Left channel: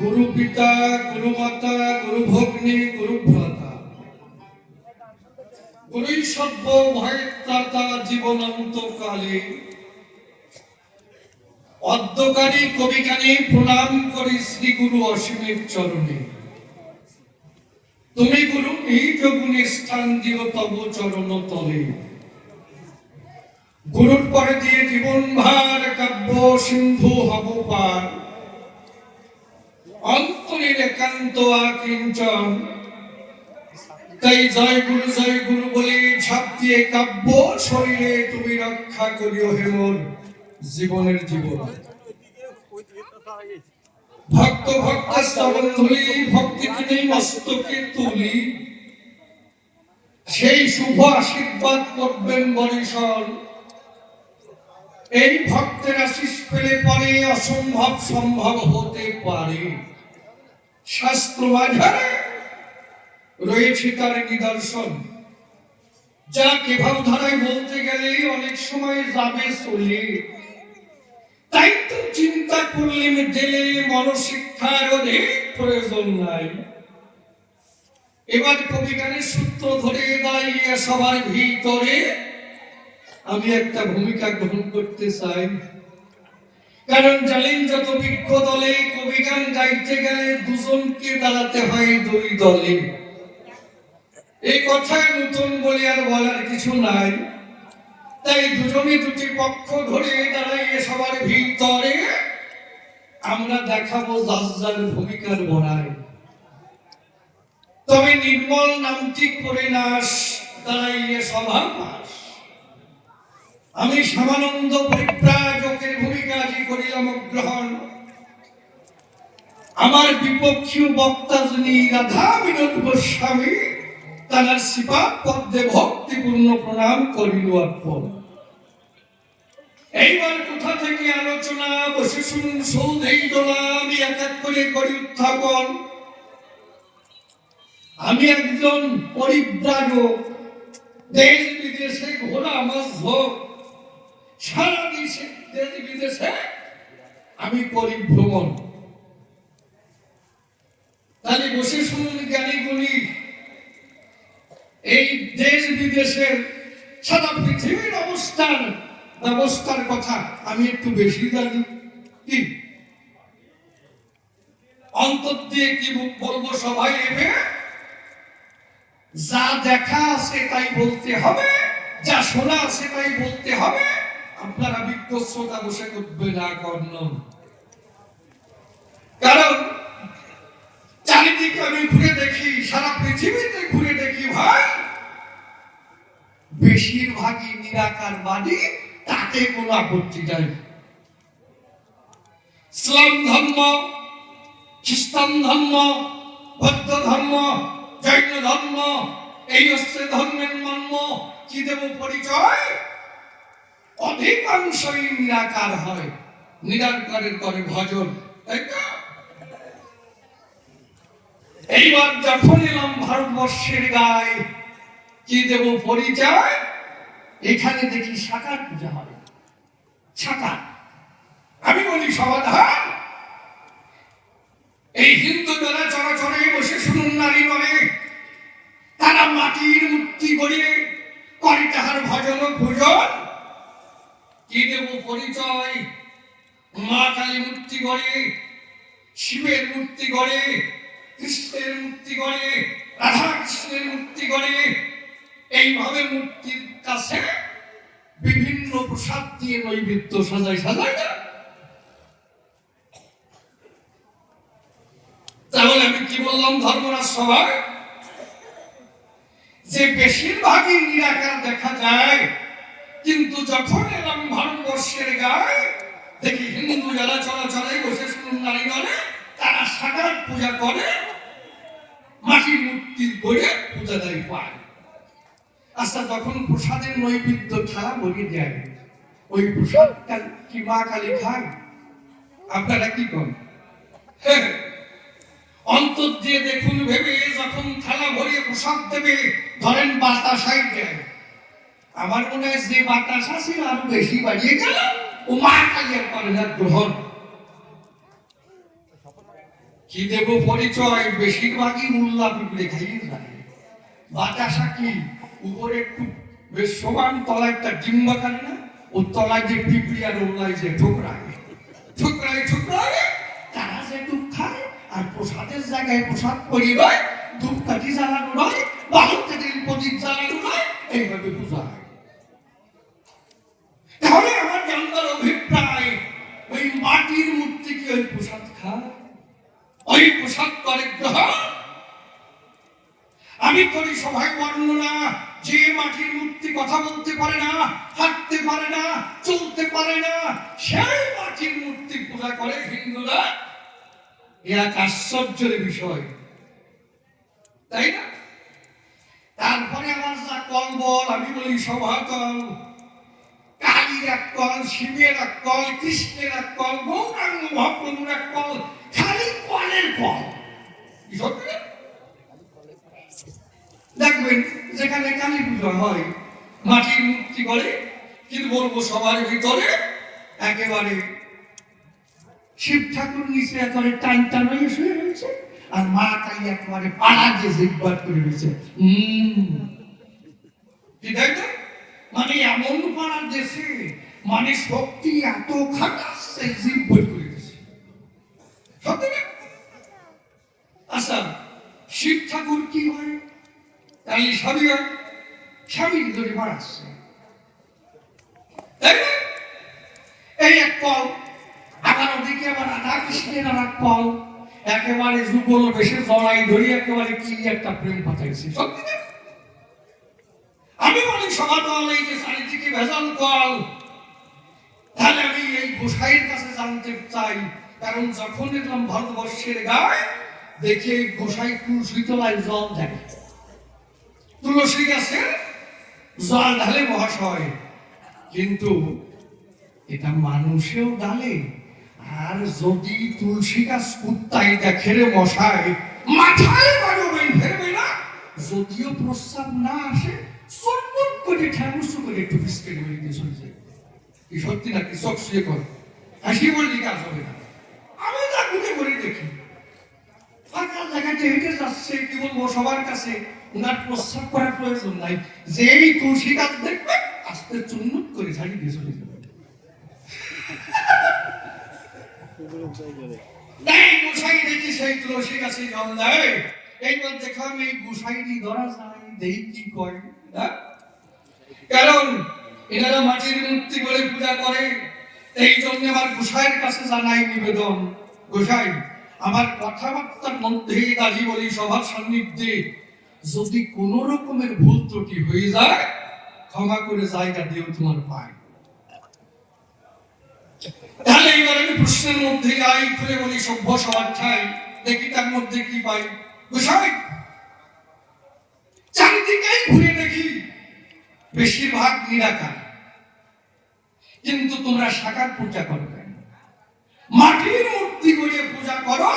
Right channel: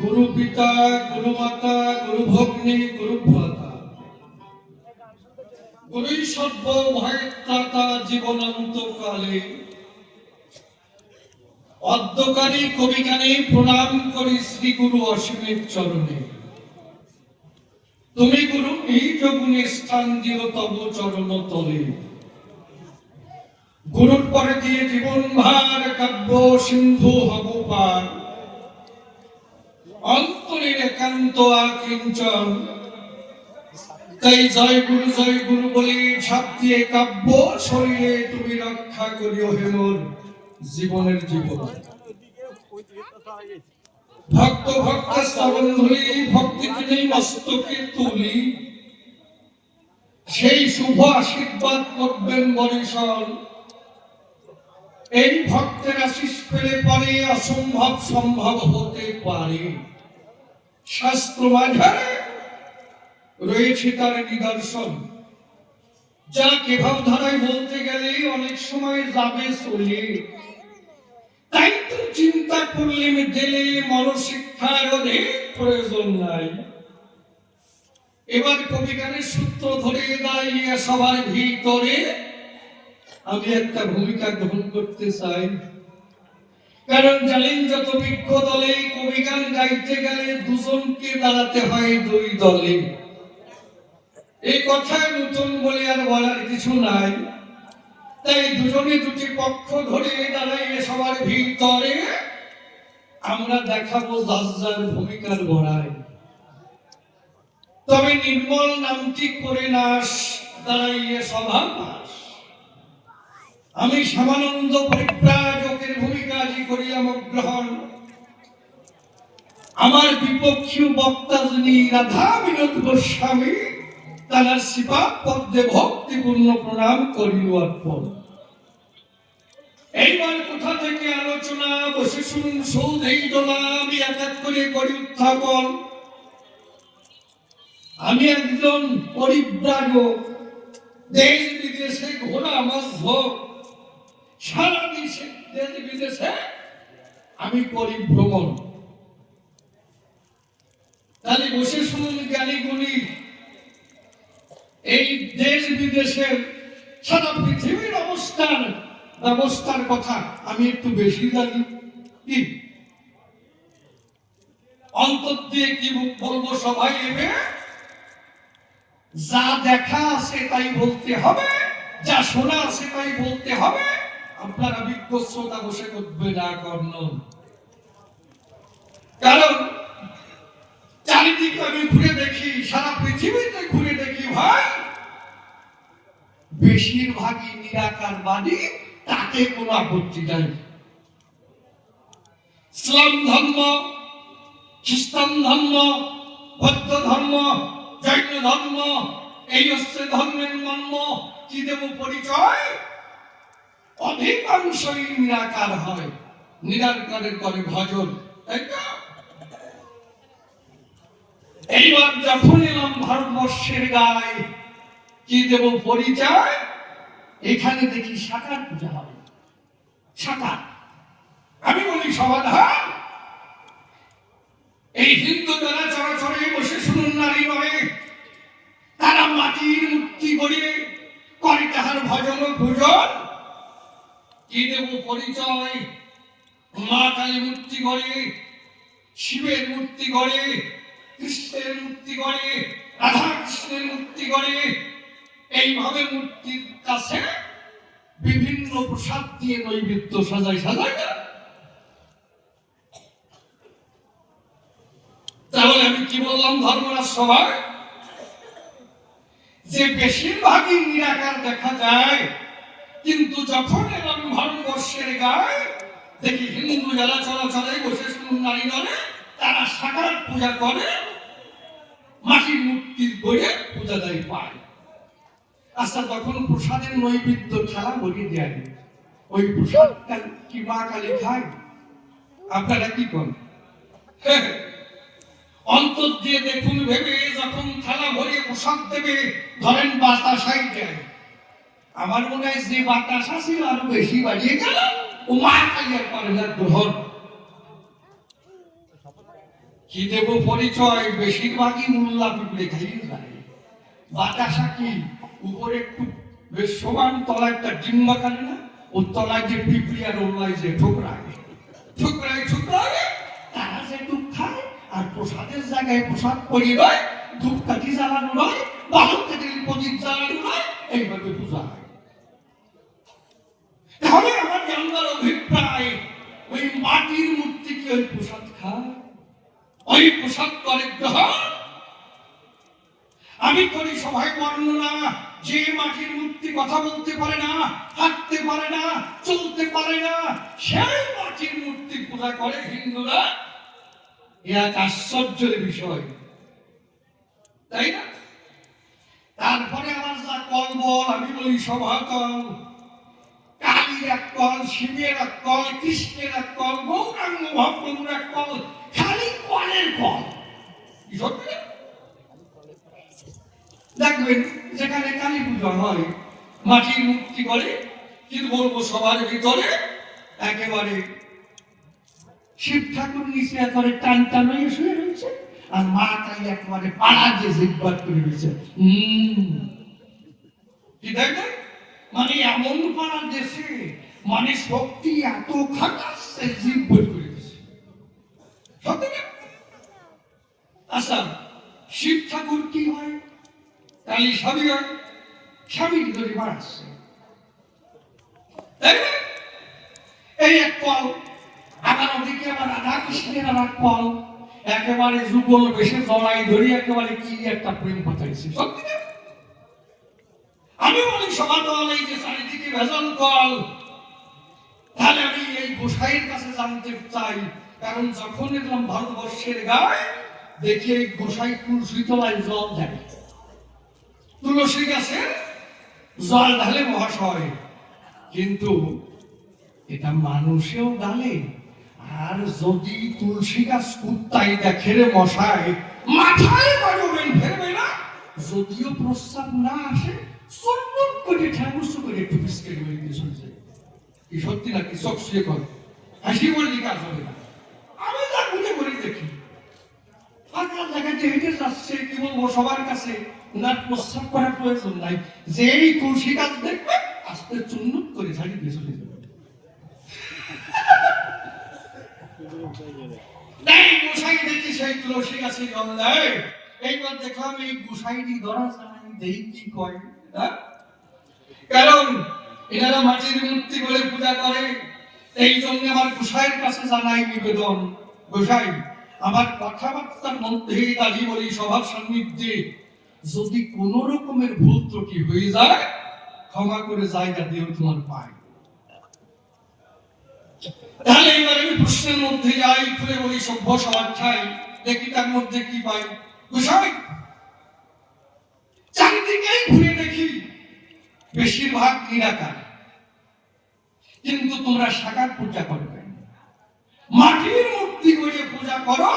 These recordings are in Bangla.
गुरु पिता गुरु माता गुरु भग्नी गुरु भ्राता गुरु सभ्य भयत्राता जीवनान्तकाले অদ্যকারী কবিগানে প্রণাম করি শ্রী গুরু অসীমের চরণে। তুমি গুরু নিজ গুণে স্থান দিও তব চরণ তলে। গুরুর পরে দিয়ে জীবন ভার কাব্য সিন্ধু হব পার। অন্তরের একান্ত আকিঞ্চন তাই জয় গুরু বলে ঝাঁপ দিয়ে কাব্য শরীরে তুমি রক্ষা করিও হে মোর জীবনের জীবন। ভক্ত ভক্ত শ্রবণ ধরি ভক্তি তিনি মস্তকে তুলি সেই শুভ আশীর্বাদ করবেন বরিশন। এই ভক্তের আশিস পেলে পরে অসম্ভব সম্ভব হতে পারে। শাস্ত্র মাঝারে রয়েছে তার নিদর্শন, যা কি ভাবধারায় বলতে গেলে অনেক সময় যাবে চলে। তাই তো চিন্তা করলেন জেলে মনশিক্ষার অনেক প্রয়োজন নাই। এবার কবিগানের সূত্র ধরে দাঁড়িয়ে সবার ভিতরে আমি একটা ভূমিকা গ্রহণ করতে চাই। কারণ জানেন যত বৃক্ষ দলে কবিগান গাইতে গেলে দুজনকে দাঁড়াতে হয় দুই দলে। এই কথা নতুন বলে আর বলার কিছু নাই। তাই দুজনে দুটি পক্ষ ধরে দাঁড়িয়ে সবার ভিতরে আমরা দেখাবো যার ভূমিকার বড়াই। তবে নির্মল নামটি করে নাশ দাঁড়িয়ে সভা পাশ। আমি শ্যামানন্দ পরিব্রাজকের ভূমিকা আজ করিলাম গ্রহণ। আমার বিপক্ষীয় বক্তা যিনি রাধা বিনোদ গোস্বামী তার শ্রীপাদ পদ্মে ভক্তিপূর্ণ প্রণাম করিল অর্পণ। এইবার কোথা থেকে আলোচনা, বসে শুনুন সৌধেই দোলা, আমি এক এক করে করি উত্থাপন। আমি একজন পরিব্রাজক, দেশ বিদেশে ঘোরা মধ্যক, সারা দেশে দেশ বিদেশে আমি পরিভ্রমণ। তাহলে বসে শুনুন জ্ঞানী গুণী, এই দেশ বিদেশের সারা পৃথিবীর ব্যবস্থার কথা আমি একটু বেশি জানি। কি অন্তর দিয়ে কি বলবো সবাই এবে, যা দেখা আছে তাই বলতে হবে, যা শোনা আছে তাই বলতে হবে। আপনারা বিজ্ঞ শ্রোতা বসে করবে না কর্ণন, কারণ চারিদিকে আমি ঘুরে দেখি, সারা পৃথিবীতে ঘুরে দেখি ভাই, বেশিরভাগই নিরাকারবাদী, তাতে কোনো আপত্তি নাই। ইসলাম ধর্ম, খ্রিস্টান ধর্ম, বৌদ্ধ ধর্ম, জৈন ধর্ম, এই হচ্ছে ধর্মের মর্ম। কি দেব পরিচয়? অধিকাংশই নিরাকার হয়, নিরাকারের করে ভজন, তাই তো? এইবার যখন এলাম ভারতবর্ষের গায়ে, কি দেব পরিচয়? এখানে দেখি সাকার পূজা হবে। সাকার, আমি বলি সমাধান, এই হিন্দু যারা চরাচরে বসে শুনুন নারী বলে, তারা মাটির মূর্তি গড়ে করে তাহার ভজন ও পূজন। কি দেব পরিচয়? মা কালী মূর্তি গড়ে, শিবের মূর্তি গড়ে, কৃষ্ণের মূর্তি গড়ে, রাধা কৃষ্ণের মূর্তি গড়ে। এইভাবে মূর্তির কাছে বিভিন্ন প্রসাদ দিয়ে নৈবেদ্য সাজায় সাজায় না। তাহলে আমি কি বললাম ধর্মরাজ সভায়, যে বেশিরভাগই নিরাকার দেখা যায়, কিন্তু যখন এলাম ভারতবর্ষের গায়ে, দেখি হিন্দু যারা চলাচলে বসে শুনুন নারী দলে, তারা সাকার পূজা করে, মাটির মূর্তির গড়ে পূজা দেয় পায়। আচ্ছা, তখন প্রসাদের নৈবেদ্য খেলা বলি দেয়, ওই প্রসাদটা কি মা কালী খায়? আপনারা কি করেন? অন্তর দিয়ে দেখুন ভেবে, যখন থালা ভরিয়ে প্রসাদ দেবে, ধরেন বাতাসাই দেয়, আমার মনে হয় যে বাতাসা ছিল আরো বেশি বাড়িয়ে গেল, ও মা কালিয়ার করে না গ্রহণ। কি দেব পরিচয়? বেশিরভাগই মোল্লা পিঁপড়ে খাইয়ে যায়। বাতাসা কি উপরে একটু বেশ সমান, তলায় একটা ডিম্বা কাটে না, ও তলায় যে পিঁপড়ি আর ওল্লায় যে ঠোকরায় ঠোকরায় ঠোকরায়, তারা যে দুধ খায়। আর প্রসাদের জায়গায় প্রসাদ পরিবার, ধূপকাঠি জ্বালানো নয়, বাহন থেকে প্রদীপ জ্বালানো নয়, এইভাবে পূজা হয়। তাহলে আমার জানবার অভিপ্রায়, ওই মাটির মূর্তি কি ওই প্রসাদ খায়? ওই প্রসাদ করে গ্রহণ। আমি করি সভায় বর্ণনা, যে মাটির মূর্তি কথা বলতে পারে না, হাঁটতে পারে না, চলতে পারে না, সেই মাটির মূর্তি পূজা করে হিন্দুরা। এক আশ্চর্যের বিষয়, তাই না? তারপরে আমার যা কলবল, আমি বলি সভাকল, কালীর এক কল, শিবের এক কল, কৃষ্ণের এক কল, গৌরাঙ্গ মহাপ্রভুর এক কল, খালি কলের কল। দেখবেন যেখানে কালী পুজো হয়, মাটির মূর্তি করে, কিন্তু বলবো সবার ভিতরে একেবারে শিব ঠাকুর নিচে একেবারে টান টান হয়ে শুয়ে রয়েছে, আর মা কালী একেবারে পাড়া দিয়ে জিব্বার করে রয়েছে। কি দেখবেন, মানে এমন পাড়া দেশে, মানে শক্তি এত খাটাচ্ছে, জিব্বার করে দিচ্ছে। সত্যি না? আচ্ছা, শিব ঠাকুর কি হয়? তাই স্বামীর ধরে বাড়াচ্ছে, এই এক কল। আবার ওদিকে আবার রাধা কৃষ্ণের আর এক কল, একেবারে যুগল বেশে জড়াই ধরি, একেবারে কি একটা প্রেম পাঠাইছে। সত্যি না? আমি বলি সমাদল, এই যে চারিদিকে ভেজাল কল। তাহলে আমি এই গোসাইয়ের কাছে জানতে চাই, কারণ যখন দেখলাম ভারতবর্ষের গায়ে, দেখে গোসাই তুলসী তলায় জল দেয়, তুলসী গাছে জল ঢালে মহাশয়। কিন্তু এটা মানুষেও ডালে। আর যদি তুলসী গাছ কুত্তাই দেখে রে মশাই, মাথায় মারবেন, ফেরবে না। যদিও প্রস্তাব না আসে, চটপট করে ঠ্যাঙ্গুসু করে একটু বিস্কেট বেরিয়ে চলে যায়। কি সত্যি নাকি? চোখ শুয়ে করে হাসি বললে কাজ হবে না। আমি তা ঘুরে ঘুরে দেখি, ফাঁকা জায়গাতে হেঁটে যাচ্ছে, কি বলবো সবার কাছে, ওনার প্রস্তাব করার প্রয়োজন নাই। যেই তুলসী গাছ দেখবে আস্তে চুন্নুট করে ঝাড়ি দিয়ে চলে যাবে। গোসাই দেখি সেই তুলসী গাছে জল দেয়। এইবার দেখলাম এই গোসাইটি ধরা যায়, দেখি কি কয়। কারণ এনারা মাটির মূর্তি বলে পূজা করে, এই জন্য আমার গোসাইয়ের কাছে জানাই নিবেদন, গোসাই আমার কথাবার্তার মধ্যে দাঁড়িয়ে বলি সবার সান্নিধ্যে যদি কোন রকমের ভুল ত্রুটি হয়ে যায় ক্ষমা করে জায়গা দিও তোমার পায়। তাহলে এবার আমি প্রশ্নের মধ্যে যাই, খুলে বলি সভ্য সবার ঠাই, দেখি তার মধ্যে কি পাই। গোসাই চারিদিকেই ঘুরে দেখি বেশিরভাগ নিরাকার, কিন্তু তোমরা সাকার পূজা করবে, মাটির মূর্তি করে পূজা করো।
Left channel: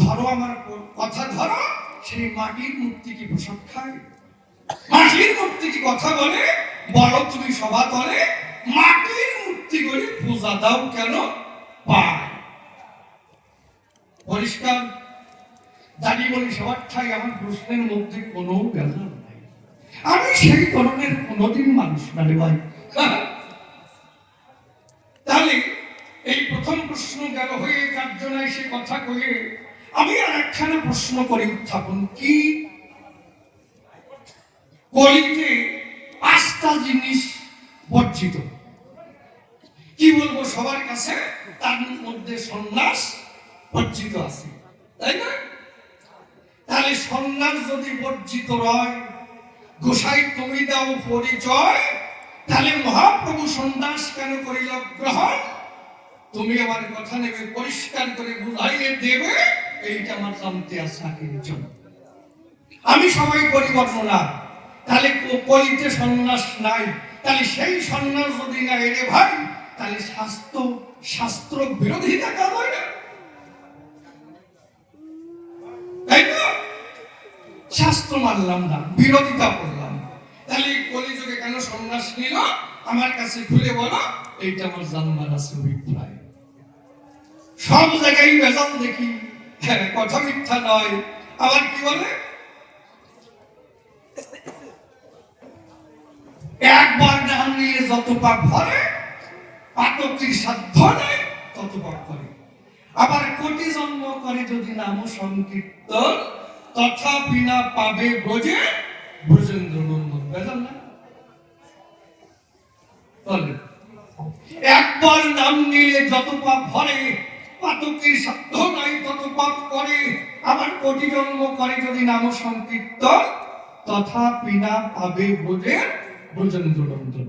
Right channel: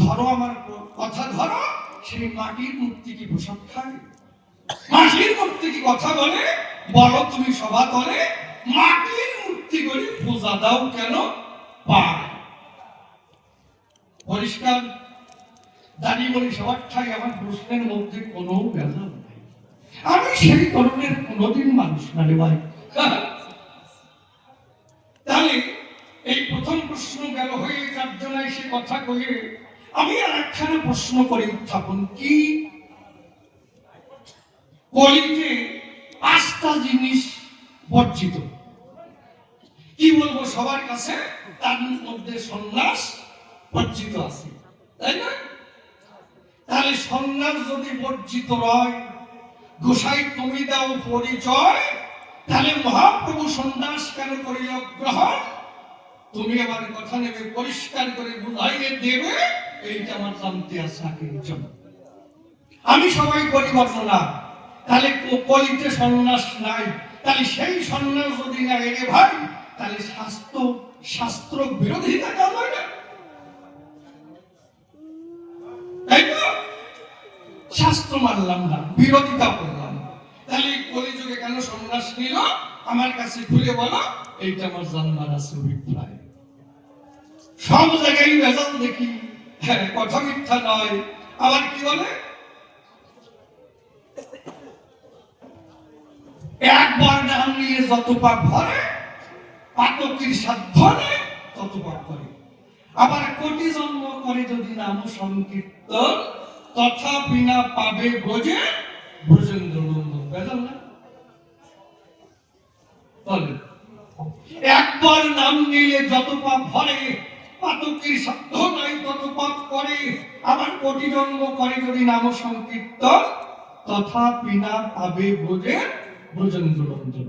ধরো আমার কথা ধরো, সেই মাটির মূর্তি কি প্রসাদ খায়? মাটির মূর্তি কি কথা বলে? বলো তুমি সভা তলে, মাটির মূর্তি করে পূজা দাও কেন পায়? পরিষ্কার দাঁড়িয়ে বলি সবার ঠাই, আমার প্রশ্নের মধ্যে কোনো ভেজাল নাই। আমি সেই ধরনের কোনোদিন মানুষ না রে ভাই। তাহলে এই প্রথম প্রশ্ন গেল হয়ে, তার জন্য সে কথা কয়ে আমি আর একখানা প্রশ্ন করি উত্থাপন। কি কলিতে 5টা জিনিস বর্জিত, কি বলবো সবার কাছে, তার মধ্যে সন্ন্যাস বর্জিত আছে, তাই না? তাহলে সন্ন্যাস যদি বর্জিত হয়, গোসাই তুমি দাও পরিচয়, তাহলে মহাপ্রভু সন্ন্যাস কেন করিল গ্রহণ? তুমি আমার কথা নেবে, পরিষ্কার করে বুঝাইয়ে দেবে, এইটা আমার জানতে আছে আগের জন্য। আমি সবাই করি বর্ণনা, তাহলে কলিতে সন্ন্যাস নাই, তাহলে সেই সন্ন্যাস যদি না এরে ভাই, তাহলে শাস্ত্র বিরোধিতা কেন হয় না? তাই তো শাস্ত্র মানলাম না, বিরোধিতা করলাম। তাহলে কলিযুগে কেন সন্ন্যাস নিল আমার কাছে খুলে বলো, এইটা আমার জানবার আছে অভিপ্রায়। সব জায়গায় ভেজাল দেখি, কথা মিথ্যা নয়। আবার কি বলে, একবার নাম নিয়ে যত পাপ ভরে, পাতকির সাধ্য নেই তত পাপ করে। আবার কোটি জন্ম করে যদি নাম সংকীর্তন, তথাপি না পাবে বোঝে ব্রজেন্দ্র নন্দন। ভেজাল না? একবার নাম নিলে যত পাপ ভরে, পাতকির সাধ্য নাই তত পাপ করে। আবার কোটি জন্ম করে যদি নাম সংকীর্তন, তথাপি না পাবে বোঝে ব্রজেন্দ্র নন্দন।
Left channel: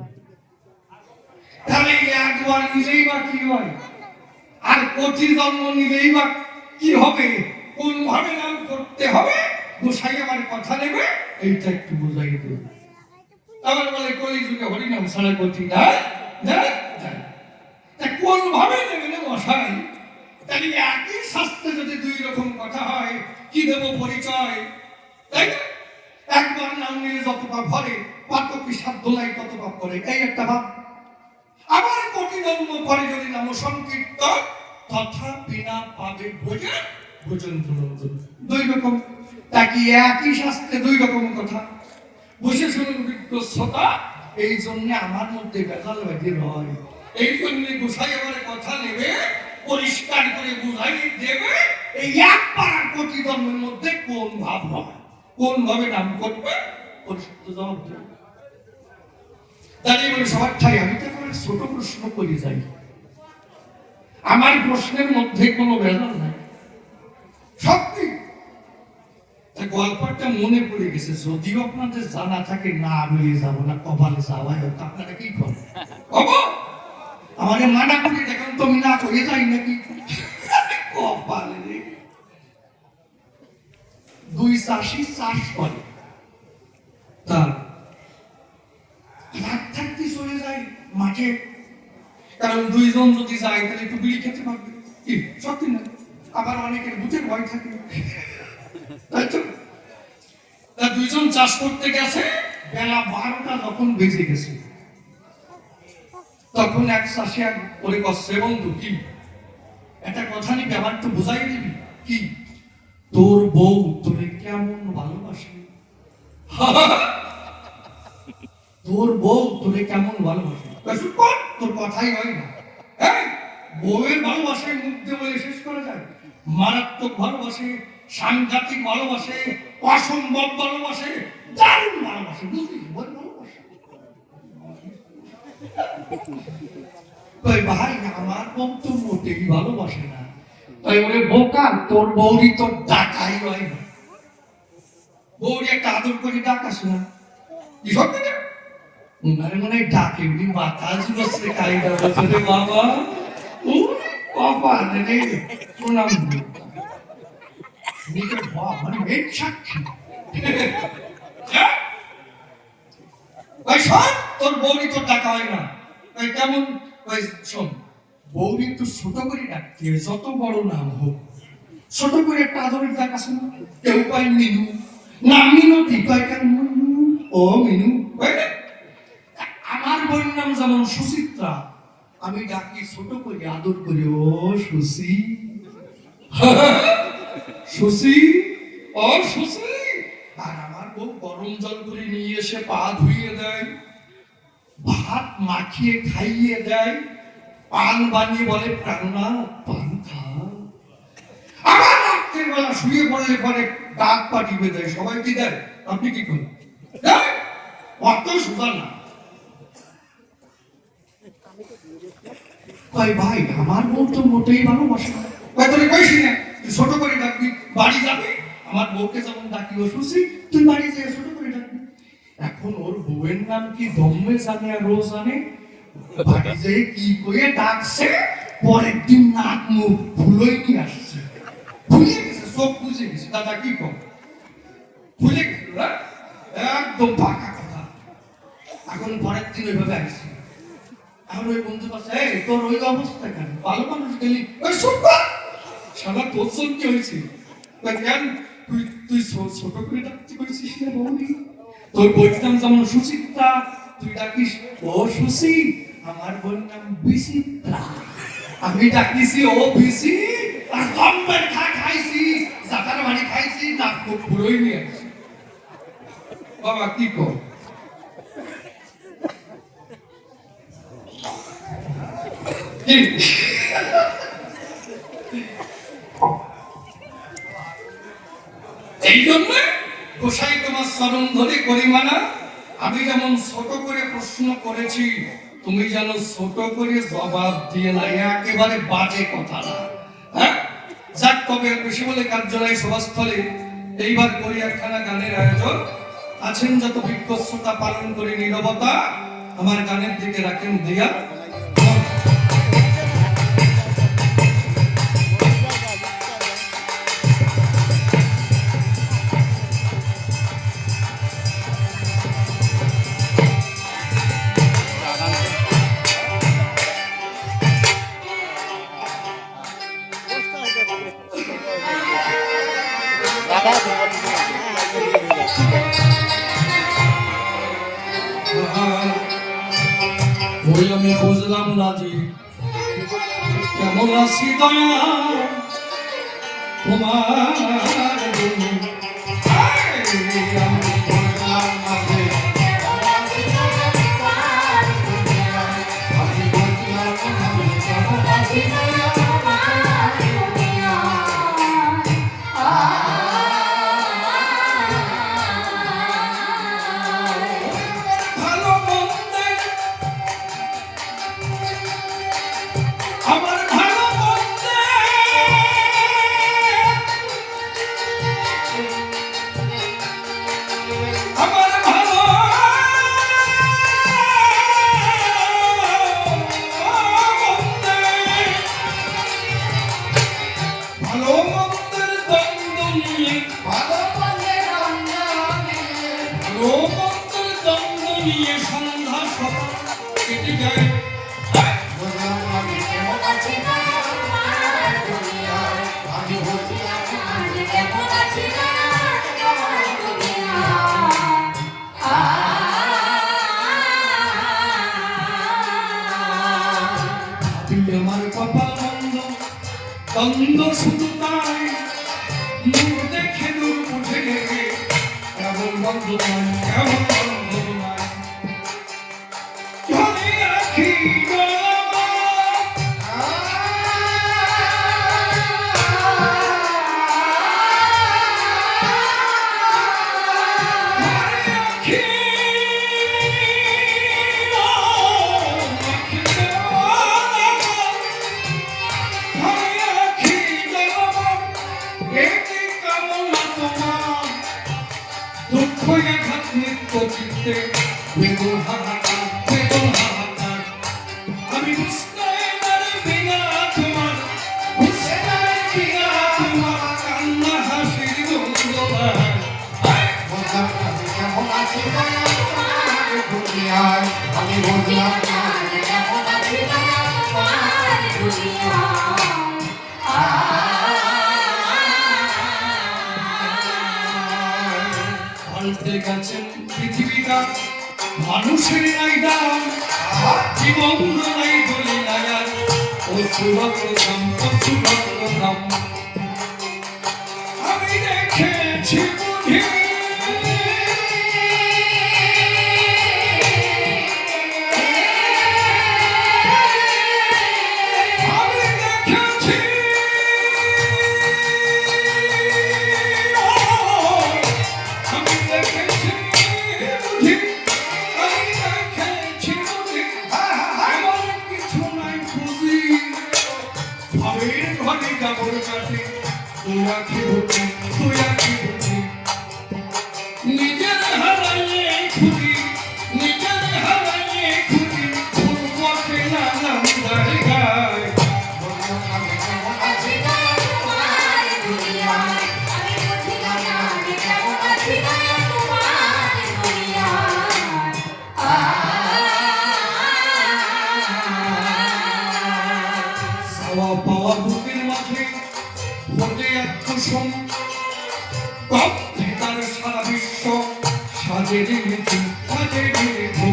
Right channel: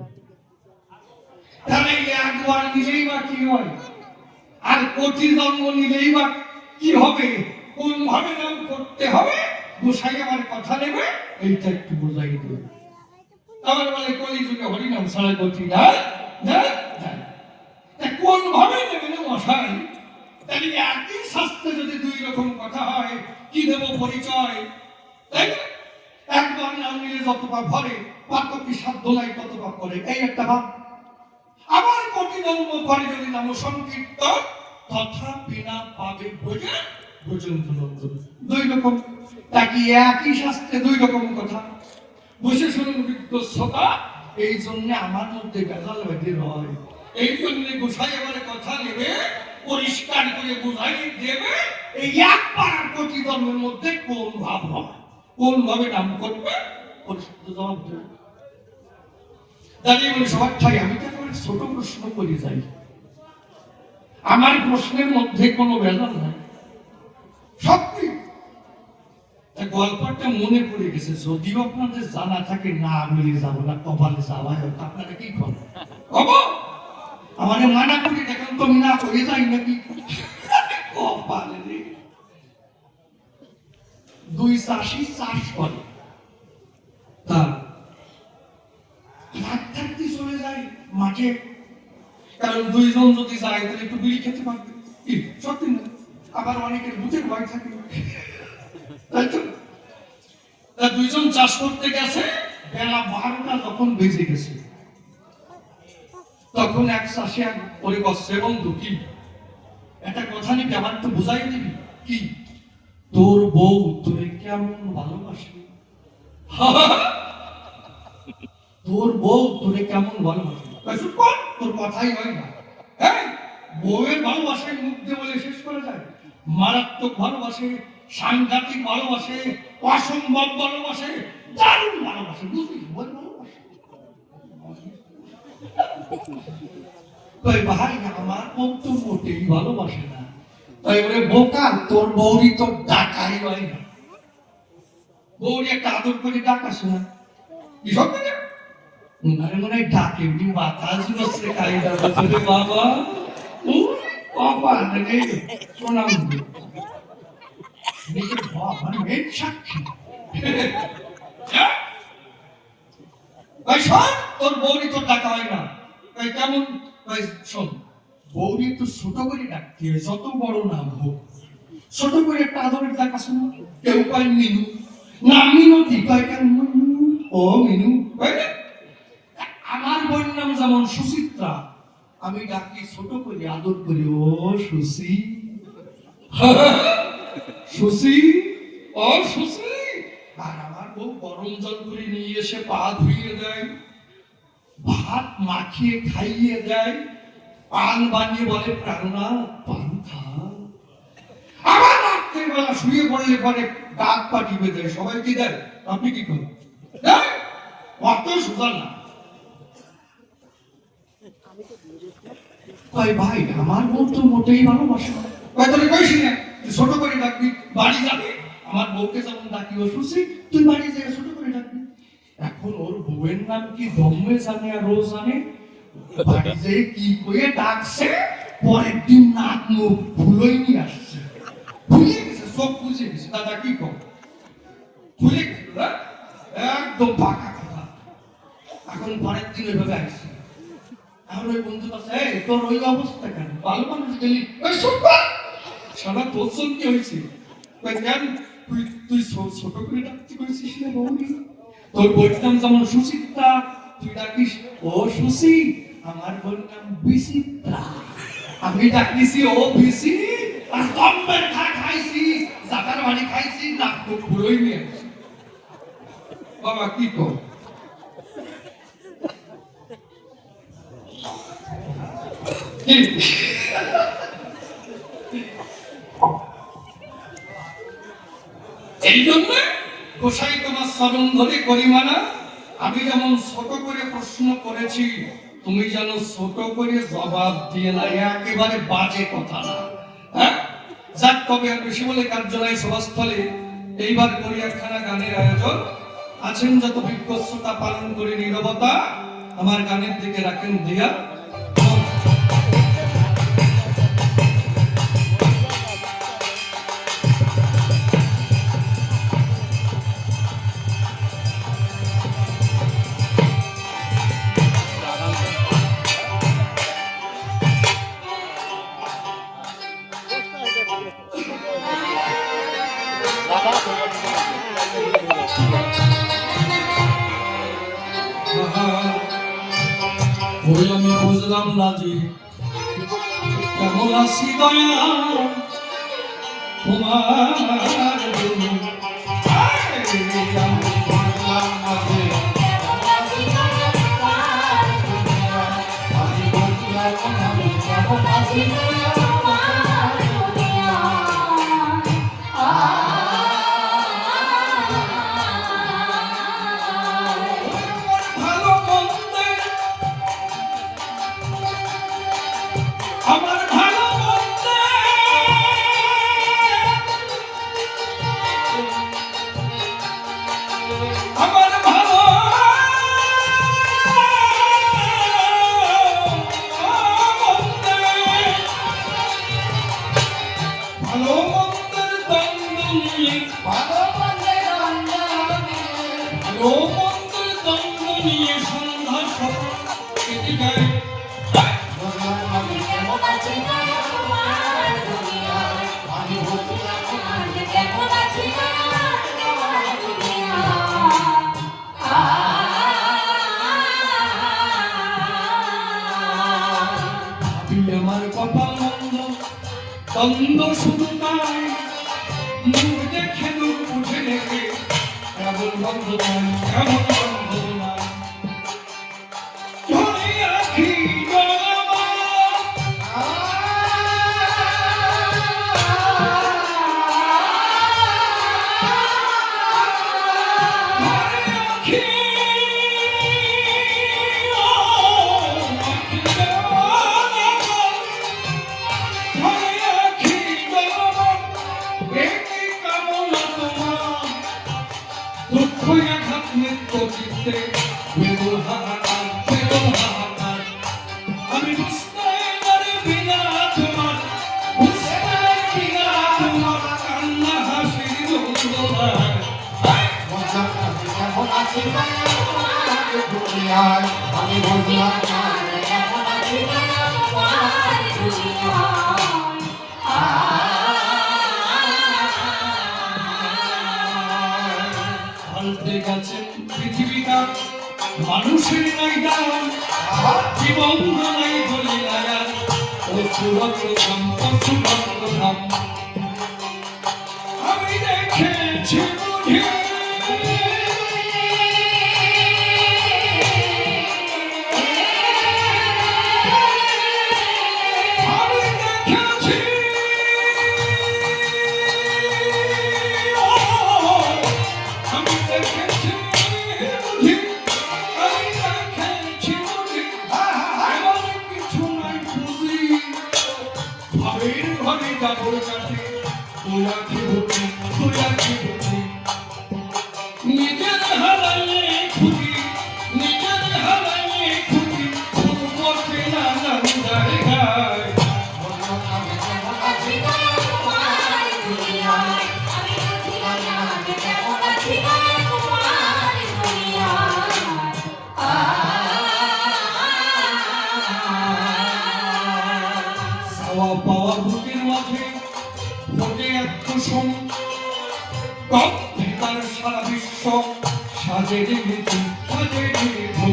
তাহলে একবার নিলেই বা কি হয়, আর কোটি জন্ম নিলেই বা কি হবে? কোন ভাবে নাম করতে হবে, গোসাই আমার কথা নেবে, এইটা একটু বোঝাই দেবে। আবার বলে কলিযুগে হরিনাম ছাড়া গতি নাই, কোন ভাবে নেবে না মশাই? তাহলে একই শাস্ত্রে যদি দুই রকম কথা হয়, কি দেব পরিচয়? তাই না? একবার নাম নিলে যত পাপ ভরে, পাতকি সাধ্য নাই তত পাপ করে, এই একটা ভাব। আবার কোটি জন্ম পরে যদি নাম সংকীর্তন, তথাপি না পাবে বোঝে ব্রজেন্দ্র নন্দন। দুই রকম, তাকে একই শাস্ত্রে দুই রকম কথা। বসে শুনুন বিজ্ঞ শ্রোতা, এই জন্য আমার মধ্যে ভেজাল বেঁধে হয়। এই জন্য গোসাই আমার কথা নেবে, পরিষ্কার করে বুঝাই দেবে, এই এক পাড়া কোটি জন্মের মধ্যে কোন ভাব হবে, কোন ভাবে নাম করবে, পরিষ্কার জবাব দেবে। দাঁড়িয়ে বলে সবার ঠাই, আমি তো ছোট প্রশ্ন করে যাই, আমার প্রশ্নের মধ্যে কোনো ভেজাল নাই, সত্যি। গল্পটা মনে পড়ে গেছে, যদিও আপনাদের জানা থাকে না, আমি যাবো না, কপালে যাওয়া হোক, আপনারা কি করেন? আমাদের মানা করে দেখেন তো, আমি না করে যাই নাকি? কপালে রে, 2 চাষি চাষ করে, তার রাত থাকতে চলে যায় মাঠে, কারণ দুইজন যদি যায় তাহলে একটু বিড়ি খেতে পারবে, কি সত্যি না? আবার অনেকের ভূতের ভয় থাকে, তাই তো? তা দুইজন চাষ করতে গেছে, বেলা 12টা যখন বেজে গেছে, তখন এক চাষি এক করে বসছে, বন্ধু কি একটা কথা নিবি, আমার তো বোঝাই দিবি, কি তোর বউ তোরে কেমন ভালোবাসে? তোর বউ তোরে কেমন ভালোবাসে? তোর কথাই হয় না। হ্যাঁ, বউয়ের ভালোবাসায় মুখ দিয়ে বলে শেষ করা যায়? মারাত্মক ভালোবাসে, সাংঘাতিক ভালোবাসে, অসম্ভব ভালোবাসে, দারুণ ভালোবাসে, বুঝলি? বল ভালোবাসে। ভাই আমার বউ তো মোটেই ভালোবাসে না। তাই বলে বোকা, তোর বউরি তোর ডাকাই হয় না। বউরি একটা আদর করে ডাক আসে না, কি সত্যি না? উনারে মনে হয় ডাকে, উনি মাথা ঝুলাচ্ছে কারিগর বলে, বাবা বাবা রে প্রণাম নিজের মানে মেঘ সাক্ষী। ভাই শোন, তোর বউরি তোর ডাকা হয় না। ভাই কেমন? ভাই শোন, বউরি একটু ছোট করে ডাকতে হয়, যত বড় নাম হোক ছোট করে একটা আদরের ডাক আছে না? কেউ কয় মিনু, না মিনু ঠিক কয় কেন মিনু, ও মিনু। আমার বোন নাম যেমন সুচিত্রা, আমি ডাকি ছোট করে আদর করি, ও সুচি, সুচি, ও সুচি। আর আমার বউ গরম জল করে নিয়ে এসে পা ধুইয়ে দেয়, ভাত মাখিয়ে খাইয়ে দেয়, পান বানিয়ে বলে প্রাণনা পান খা। আবার রাত্রের বেলা শুয়ে পড়লে পরে ডাক পাঠিয়ে দেয়, সবাই কি দেয়? আপনি কি করেন? অত সুন্দর না। ভাই আমার বউ তো মোটেই ভালোবাসে না। ছোট করে ডাকবি, বাড়ি যাবে, আমার বউকে যেমন ডাকি ও সুচি, তুই বাড়ি যাই ছোট করে ডাকবি। এখন ওর বউয়ের নাম কি দমে জানে আর রোজ জানে, বাড়ি যেয়ে কি করে ডাকছে, পরের দিন নাক মুখ ভুলোই নিয়ে আসছে, ভুলে গেছে, সব বুঝে গেছে। দাদা কি কম ভুলে গেছে, একদম পাকা কথা। এখন পরের দিন এভাবে আসছে, এখন ওই বন্ধু বলছে, এই তোর ওই অবস্থা কেন? ভালো মানুষ গেলি সারা তোর জন্য কি হয়েছে? কেন তুই ছোট করে ডাকতে করেছিস না বৌদি? তোর বইয়ের নাম যেমন সুচিত্রা, তুই ডাকিস ও সুচি। আমার বইয়ের নাম বিচিত্রা, আমি ডাকিছি ও বিচি। আর কম্বের খাইছি, জাতার বাড়ি খাইছি, নাক মুখ ভুলোই নিয়ে আসছি। বাবা কি কর? এই জন্য গোসাই তোমার চরণ ধরে করিমানা, আমি যেমন ছোট করে প্রশ্ন করেছি, তুমি যেন ছোট করে জবাব দিয়ে না, একেবারে বাজে কথা না। হ্যাঁ, যাক তবে বেশি বলে কার্য নাই সভাস্থলে। এইবার করি একখানা গানের আয়োজন। আছেন যত বিজ্ঞ শ্রোতা, পালন করি নীরবতা, আমার গানের দিকে রাখেন দিয়া। আমি বুঝলাম না যে কেমন আছি দয়া তোমার, সন্ধ্যা সকাল কেটে যায়। চন্দ্র শুধু তাই মুখ দেখে দূর উঠে নেবে কেমন বন্ধ নাই কেমন বন্ধ নাই ধরে রাখি আমি বুঝতে পারবি না তোমার বুঝতে পারবি না তোমার কান্না হাসির যন্ত্রণা আমি বললাম কেমন আছি পাল্টে গেছেন পৃথিবীটা মানুষের নাইডা জীবন নাই বলে লাগার ও সুরগ্রধাম আমি দেখেছি বুঝি নিজের হারালে খুঁজি নিজের হারালে খুঁজি ফুটবলকে নাম জায়গায় চাওয়া পাওয়া বুকের মাঝে ফোটে এক কুসুম তার সারা বিশ্ব সাজে দিয়েছি সাজে দিয়েছি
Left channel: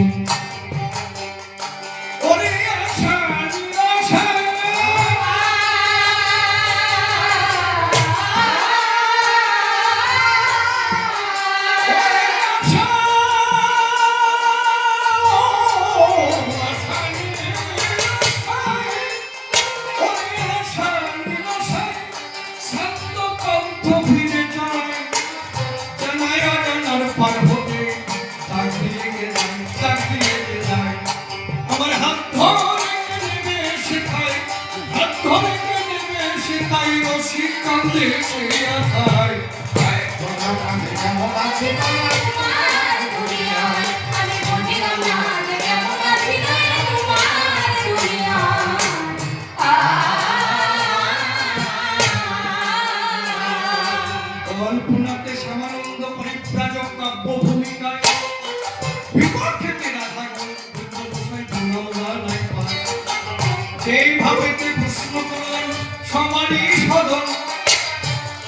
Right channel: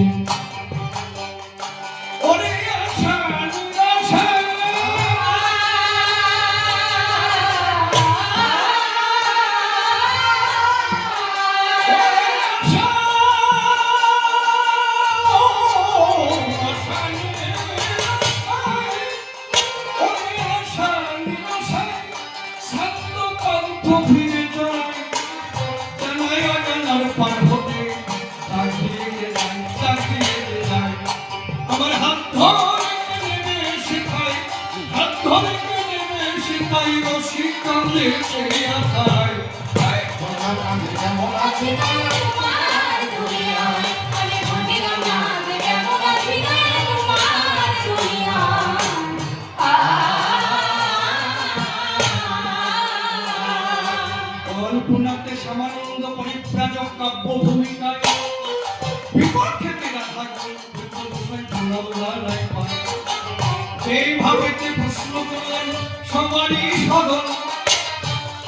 ওরে আশা নিরাশা আমার হাত ধরে নেবে শেখায় হাত ধরে নেবে শেখায় রশি কান্দে সে আখায় কেমন আছি কল্পনাতে সামানন্দ পরিব্রাজক কাব্য ভূমিকায় বিপক্ষে রাখা যেভাবে পুষ্পকরণ সমারি সদন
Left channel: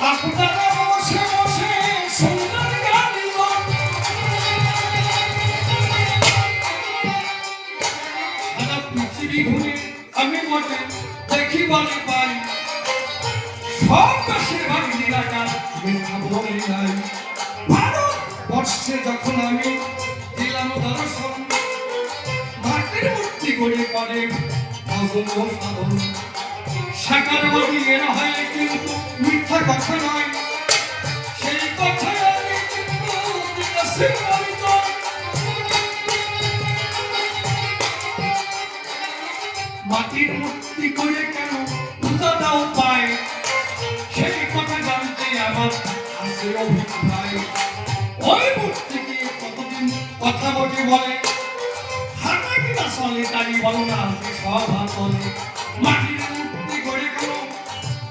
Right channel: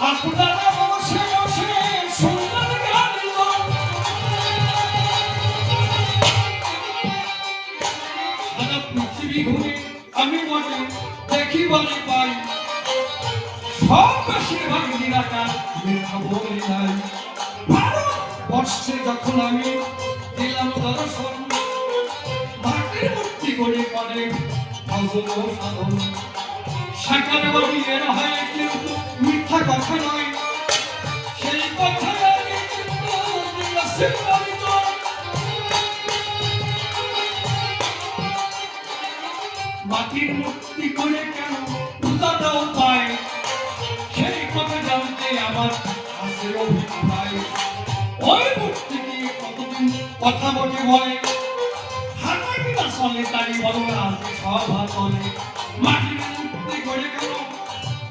আপনারা বসে বসে সুন্দর গান সারা পৃথিবী ঘুরে আমি বটে দেখি বলে পাই সব বেশিরভাগ নিরাকার মিথ্যা বলে নাই ভারতবর্ষে যখন আমি দিলাম দর্শন ভাটের মূর্তি করে করে ভজন ও সাধন সাকার বাড়ি এর হয় কিন্তু মিথ্যা কথা নয় সেই কথা আমি কিন্তু দিয়েছি পরিচয় মাটির মূর্তি করে কেন পূজাটাও পায় সেই কথা জানতে আমার আছে অভিপ্রায় ওই মূর্তি নিয়ে কতদিন কথা বলে বলে হাঁটাকিটা চলে তাই বলো না আছে সভা চলে মাটির মূর্তি করে কেন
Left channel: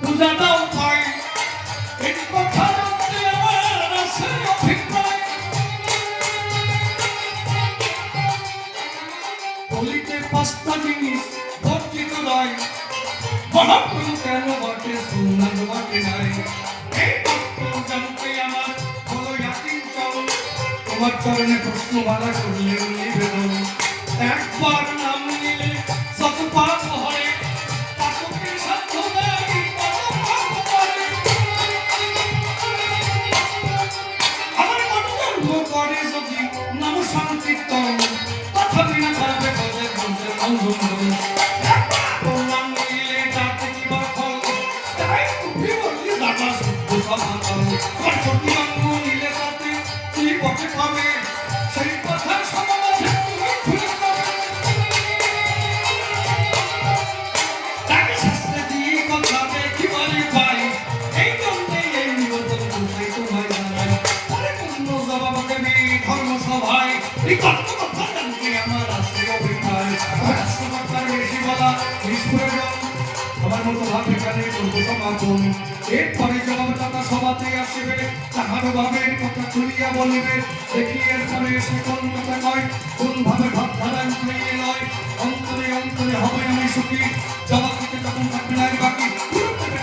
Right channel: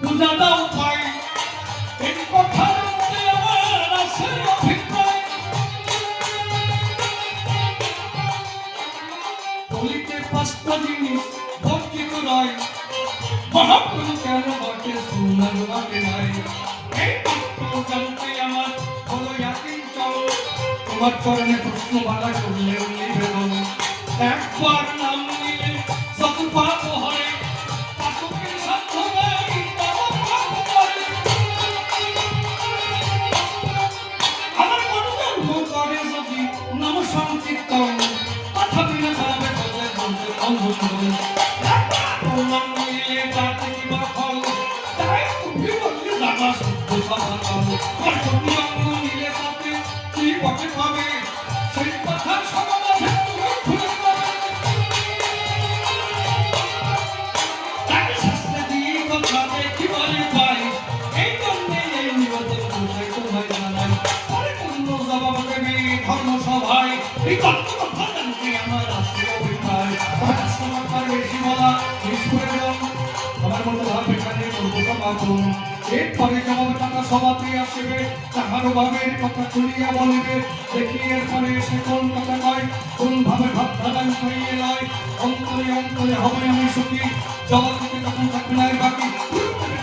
পূজাটাও পায় এই কথা জানতে আমার আছে অভিপ্রায় কলিতে পাঁচটা জিনিস বর্জিত নয় মহাপ্রভু কেন বটে সুন্দর বটে নাই এই তত্ত্ব জানতে আমার হলো ইয়াকিন চরণ তোমার চরণে প্রশ্ন বাধা করলেন নিবেদন একবার নাম নিলে যত পাপ হয় পাপকের সাধ্য নেই বিবলি দাদা শুদ্ধ সমাগম কর্মটি অঙ্গ নিলে তাতে কি পথে পাবে সেই কথা সমাজে তুমি খুলে দেবে তাকে শাস্ত্রে দিয়ে কথা দেখি বলে পাই এই জন্যে এই নিবেদন বসে তোমায় জানাই পরিপূর্ণ জবাব দেবে ধর্মসভায় এই তত্ত্ব কথা জানতে আমার আসতে অভিপ্রায় আমার সমাচার বেশি বলা নিষ্প্রয়োজন আমার মতো ভাব এখানে প্রভু সমাগম এরপরে জবাবদাতা সভাতে আসিবে তাহার ভাবের কথা তুলিয়া বলিবে দেখি এরপরে সকল কথা কয় কোন ভাবে ভাব ধারণ করিয়ে লয় অন্তরে অন্তরে হবে আমি সুখী জবাব দিতে তখন থাকবে না বাকি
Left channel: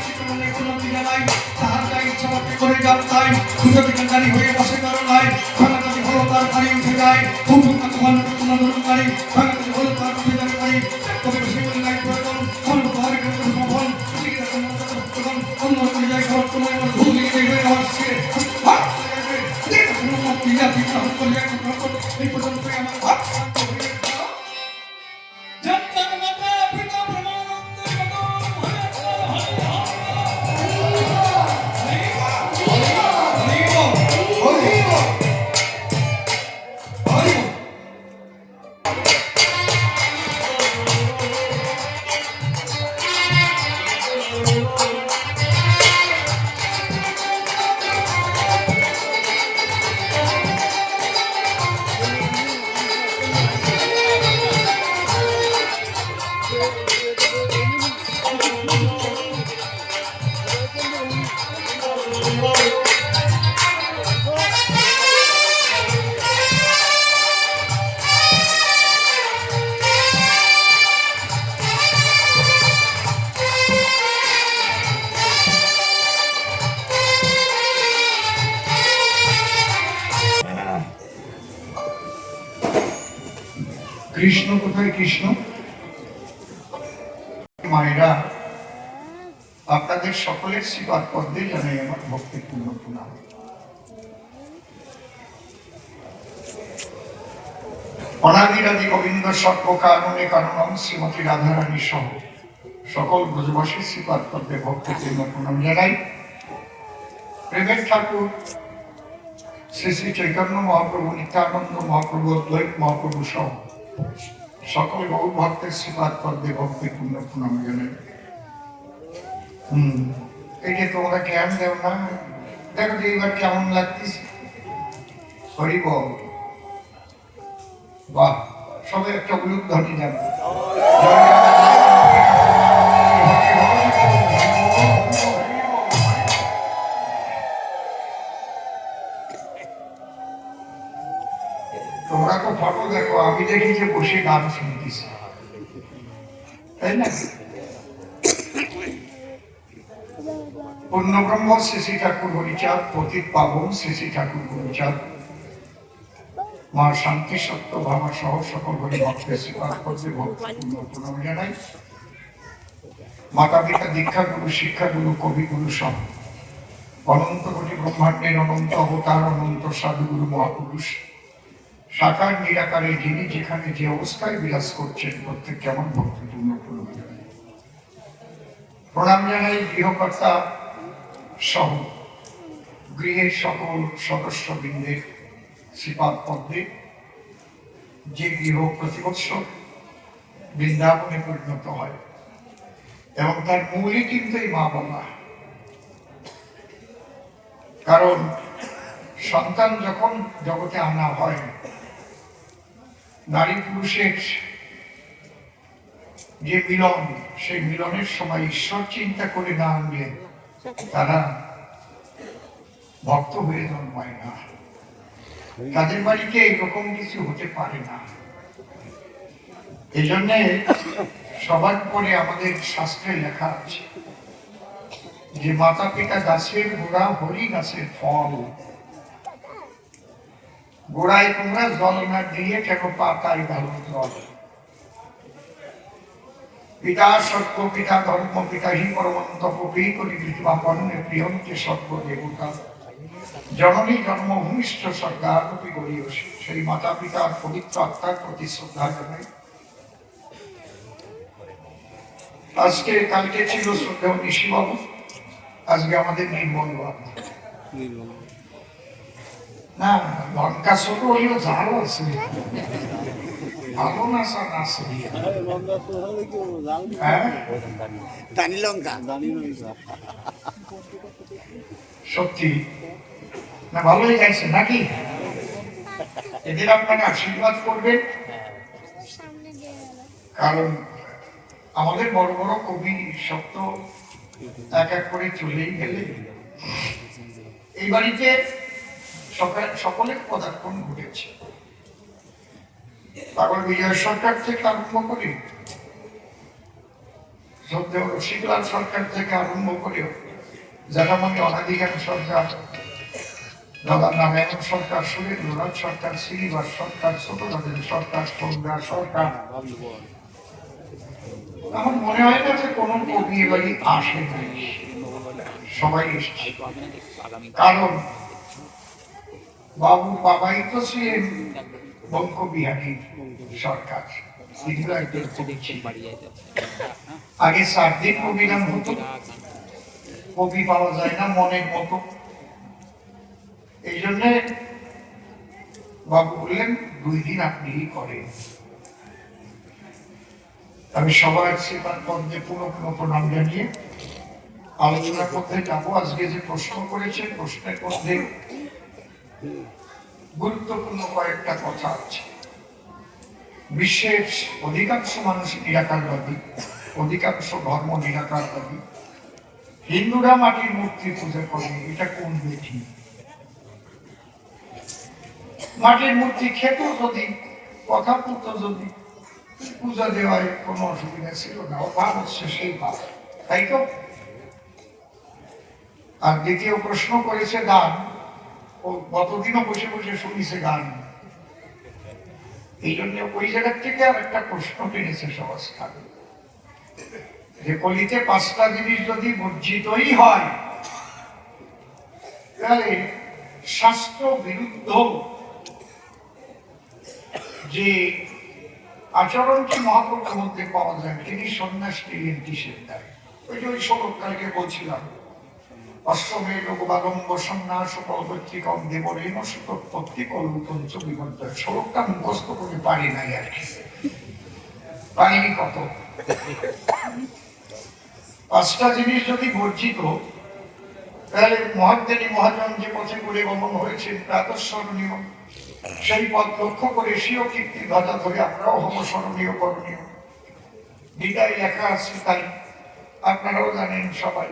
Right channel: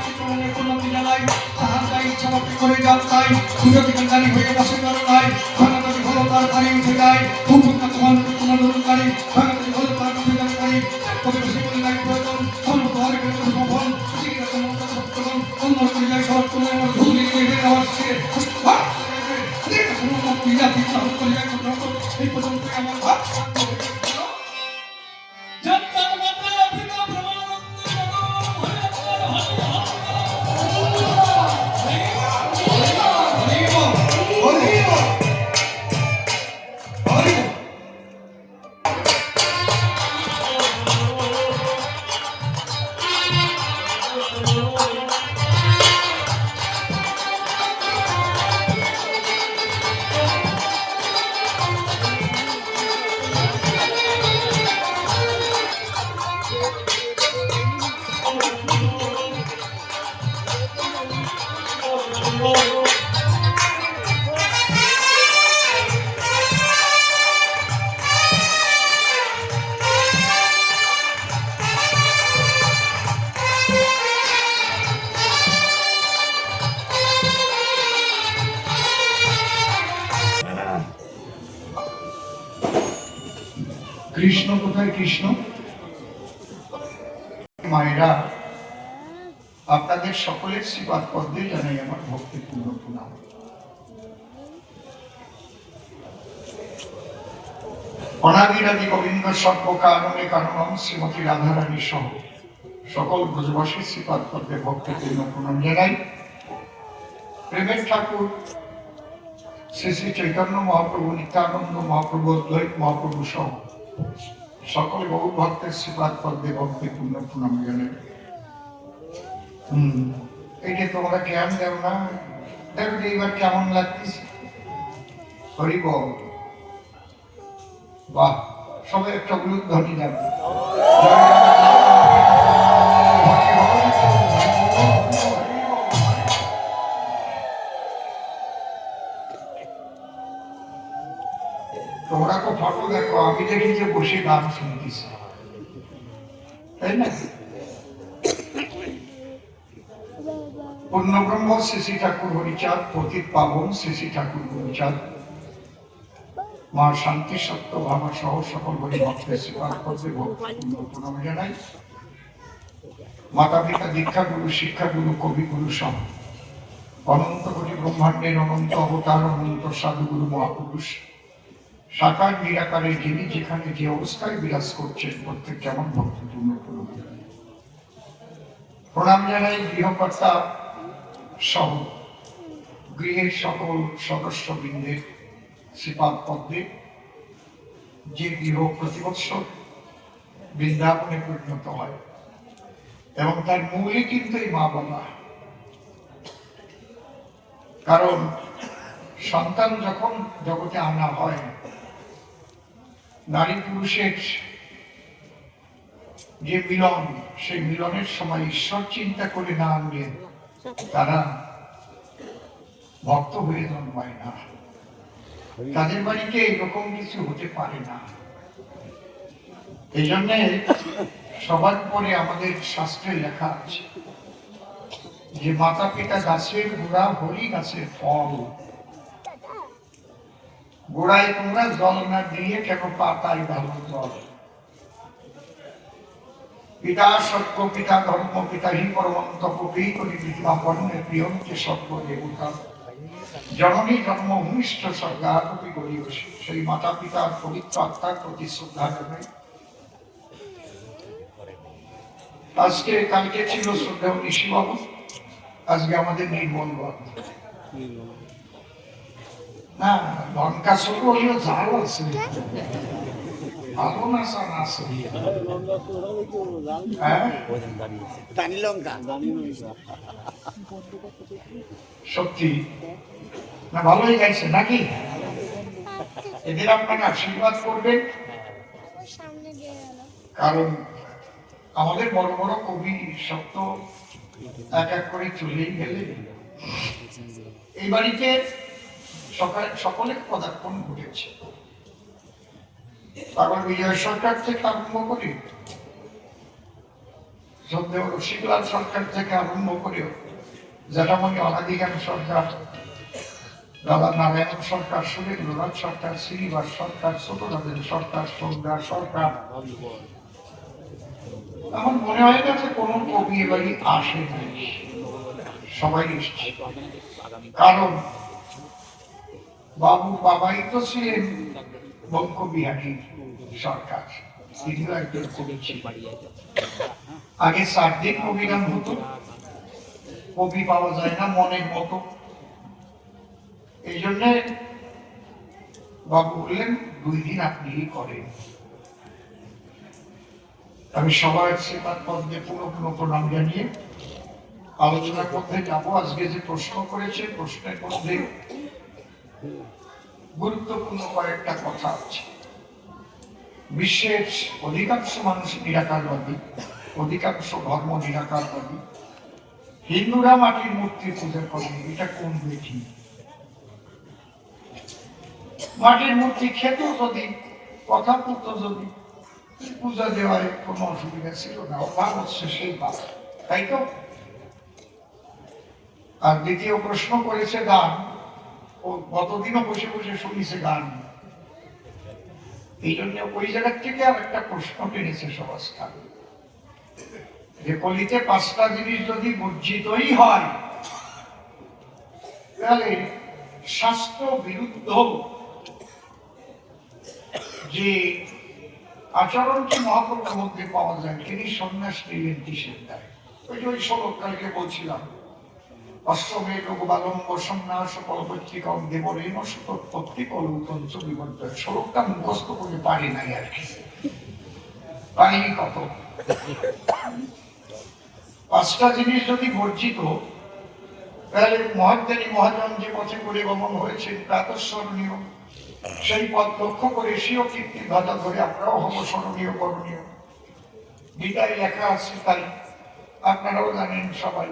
জীবনে কোনো পীড়া নাই তাহার গায়ে ইচ্ছা মতো করে যাও তাই দুটো দিকে জানি হয়ে বসে কারো নাই ভাঙা কাজে ভালো তার বাড়ি উঠে যায় খুব তোমার তোমার অনুকারী ভাঙা কাজে ভালো তার উঠে যায় বাড়ি তবে সেগুলি নাই প্রয়োজন অন্য তাহার কিন্তু সফল অন্য যায় সব তোমার ভুল দিয়ে হয়ে আসছে এই পর্যন্ত আমার ভাব শান্ত হয়ে গেল জন্মের মাতা পিতা ব্রহ্মানন্দ কৃষ্ণ কোথায় কৃষ্ণ? মায়েরা, আপনাদের সকলের শ্রীপাদ পদ্মে জানাই আমার ভক্তিপূর্ণ প্রণাম। অনাদিরাদি গোবিন্দ সর্বকারণে কারণম শ্রীমতী রাধারানী সহ সকল ব্রজবাসী শ্রীপাদ পদ্মে ভক্তিপূর্ণ প্রণাম জানাই। প্রেমের ঠাকুর শ্রী শ্রী চৈতন্য মহাপ্রভু, নিত্যানন্দ মহাপ্রভু, অদ্বৈত মহাপ্রভু সহ সকল গৌর ভক্তের শ্রীপাদ পদ্মে ভক্তিপূর্ণ প্রণাম জানাই। এই যে তোমরা কেমন দেও না, দেখো এইবার কেমন লাগতেছে। হরি বল, বাহ, সবাই একটা উলুধ্বনি যাবে। তোমরা তো ফটো দেখো, আমি দেখি যে বসে গান শুনতেছি, তাই না? পূর্ণব্রহ্ম শ্রী শ্রী ঠাকুর হরিচাঁদ, পতিত পাবন শ্রী শ্রী ঠাকুর হরিচাঁদ, মা শান্তি সত্য ভাবা সহ সকল হরি ভক্তের শ্রীপাদ পদ্মে ভক্তিপূর্ণ প্রণাম জানাই। মাতা পিতা, দীক্ষাগুরু, শিক্ষাগুরু, কবিগুরু সহ অনন্ত কোটি ব্রহ্মাণ্ডের অনন্ত অবতার, অনন্ত সাধুগুরু মহাপুরুষ, সাকার নিরাকারে যিনি যেখানে যে অবস্থায় বিরাজ করছেন, প্রত্যেককে আমার ভক্তিপূর্ণ প্রণাম জানাই। প্রণাম জানাই গৃহকর্তা সহ গৃহের সকল সদস্যবৃন্দের শ্রীপাদ পদ্মে, যে গৃহ প্রতি বৎসর বৃন্দাবনে পরিণত হয় এবং তার মূলে কিন্তু এই মা বাবা। কারণ সন্তান যখন জগতে আনা হয়, নারী পুরুষের যে মিলন, সেই মিলনের সময় ঈশ্বর চিন্তা করে না আনলে তারা ভক্ত হয়ে জন্মায় না। তাদের বাড়িতে এরকম কিছু হতে পারে না। এই জন্যে সবার পরে আমাদের শাস্ত্রে লেখা আছে যে মাতা পিতা গাছের গোড়া, হরি গাছের ফল। গোড়ায় তোমরা জল না দিয়ে কেন পাতায় ভালো জল। পিতা সত্য, পিতা ধর্ম, পিতা হি পরমন্তপ, করি পৃথিবাপনে প্রিয়ন্তে সর্বদেবতা, জননী জন্মভূমিষ্ঠ স্বর্গারোপী গরীয়সী। সেই মাতা পিতার পবিত্র আত্মার প্রতি শ্রদ্ধা জানাই। আজকে কালকে ছিল শ্রদ্ধেয় নিশিবাবু, আজকে আমাদের নির্মল বাবু না লঙ্কা ছোট হইও ঝাল আছে ভালো না স্যার আছে হ্যাঁ সত্যি না ভালোই গাইছে নাকি এদের আপনারা আশীর্বাদ করবেন কারণ আমাদের বড় বড় কবি সব তো এক এক করে চলেই গেলে এই বাড়িতে সকলের পদার্পণ ঘটেছে তারপর বিজয় সরকার থেকে আরম্ভ করে রসিকলাল সরকার থেকে আরম্ভ করে জ্যাঠামণি অনাদিগান সরকার, দাদা নারায়ণ সরকার, সুরেন্দ্রনাথ সরকার, শ্রীনিবাস সরকার, ছোটরাজেন সরকার, সৌন্দা সরকার। আমার মনে হয় না যে কোনো কবি এবারই আসে নাই, সবাই এসছে। কারণ বাবাই তো ছিলেন বঙ্কবিহারী সরকার, তিনিও একজন কবি ছিলেন। আগে 4 দিন অভিযান হতো, কবি পাওয়া যায় না মনের মতো। এই জন্য বাবু বললেন 2 দিন আপনি করেন। আমি সবার সেবার পদ্মে পুনঃ প্রণাম জানিয়ে আলোচনার মধ্যে যাবো। আজকে যে প্রশ্ন করেছে, প্রশ্নের মধ্যে গুরুত্বপূর্ণ কয়েকটা কথা আছে। বিশ্বের অধিকাংশ মানুষ নিরাকারবাদী, অধিকাংশ ধর্ম নিরাকারবাদী। হিন্দুরা মাটির মূর্তি পূজা করে, এটা কোন বেঠি? মাটির মূর্তি খেত যদি, কথা বলতো যদি, পূজা দেওয়ায় কোনো অসুবিধা ছিল না। অভাব হচ্ছে সেই ভাব, তাই তো? আর দ্বিতীয় প্রশ্ন করেছে গান, ও গতদিনও বসে বসে শুনিছে গান। এই জন্য ওই জায়গার থেকে আর একটা প্রশ্ন টেনেছে সমাজটা, যে কলিতে 5টা জিনিস যদি বর্জিতই হয় তাহলে শাস্ত্র বিরুদ্ধ যে আচরণটি মহাপ্রভুর মধ্যে পাওয়া যায়, তিনি সন্ন্যাস নিলেন কিসের দায়? ওই শ্লোক কালকে বলছিলাম, অষ্টমে লোকবালম্ব সন্ন্যাস পরবর্তীকম দেবরেণ সুতোৎপত্তি কলুতঞ্চ বিবদ্ধ। শ্লোকটা মুখস্থ করে পারি নাই আর কি, পারিনি কত। 5টা জিনিস যদি বর্জিত, তাহলে মহাজ্ঞানী মহাজন যে পথে করে গমন হয়েছেন প্রাতঃস্মরণীয়, সেই পথ লক্ষ্য করে স্বীয় কীর্তি ধ্বজা ধরে আমরাও হব স্মরণীয় করণীয়। গীতায় লেখা আছে, তাই আপনারাও জানেন সবাই,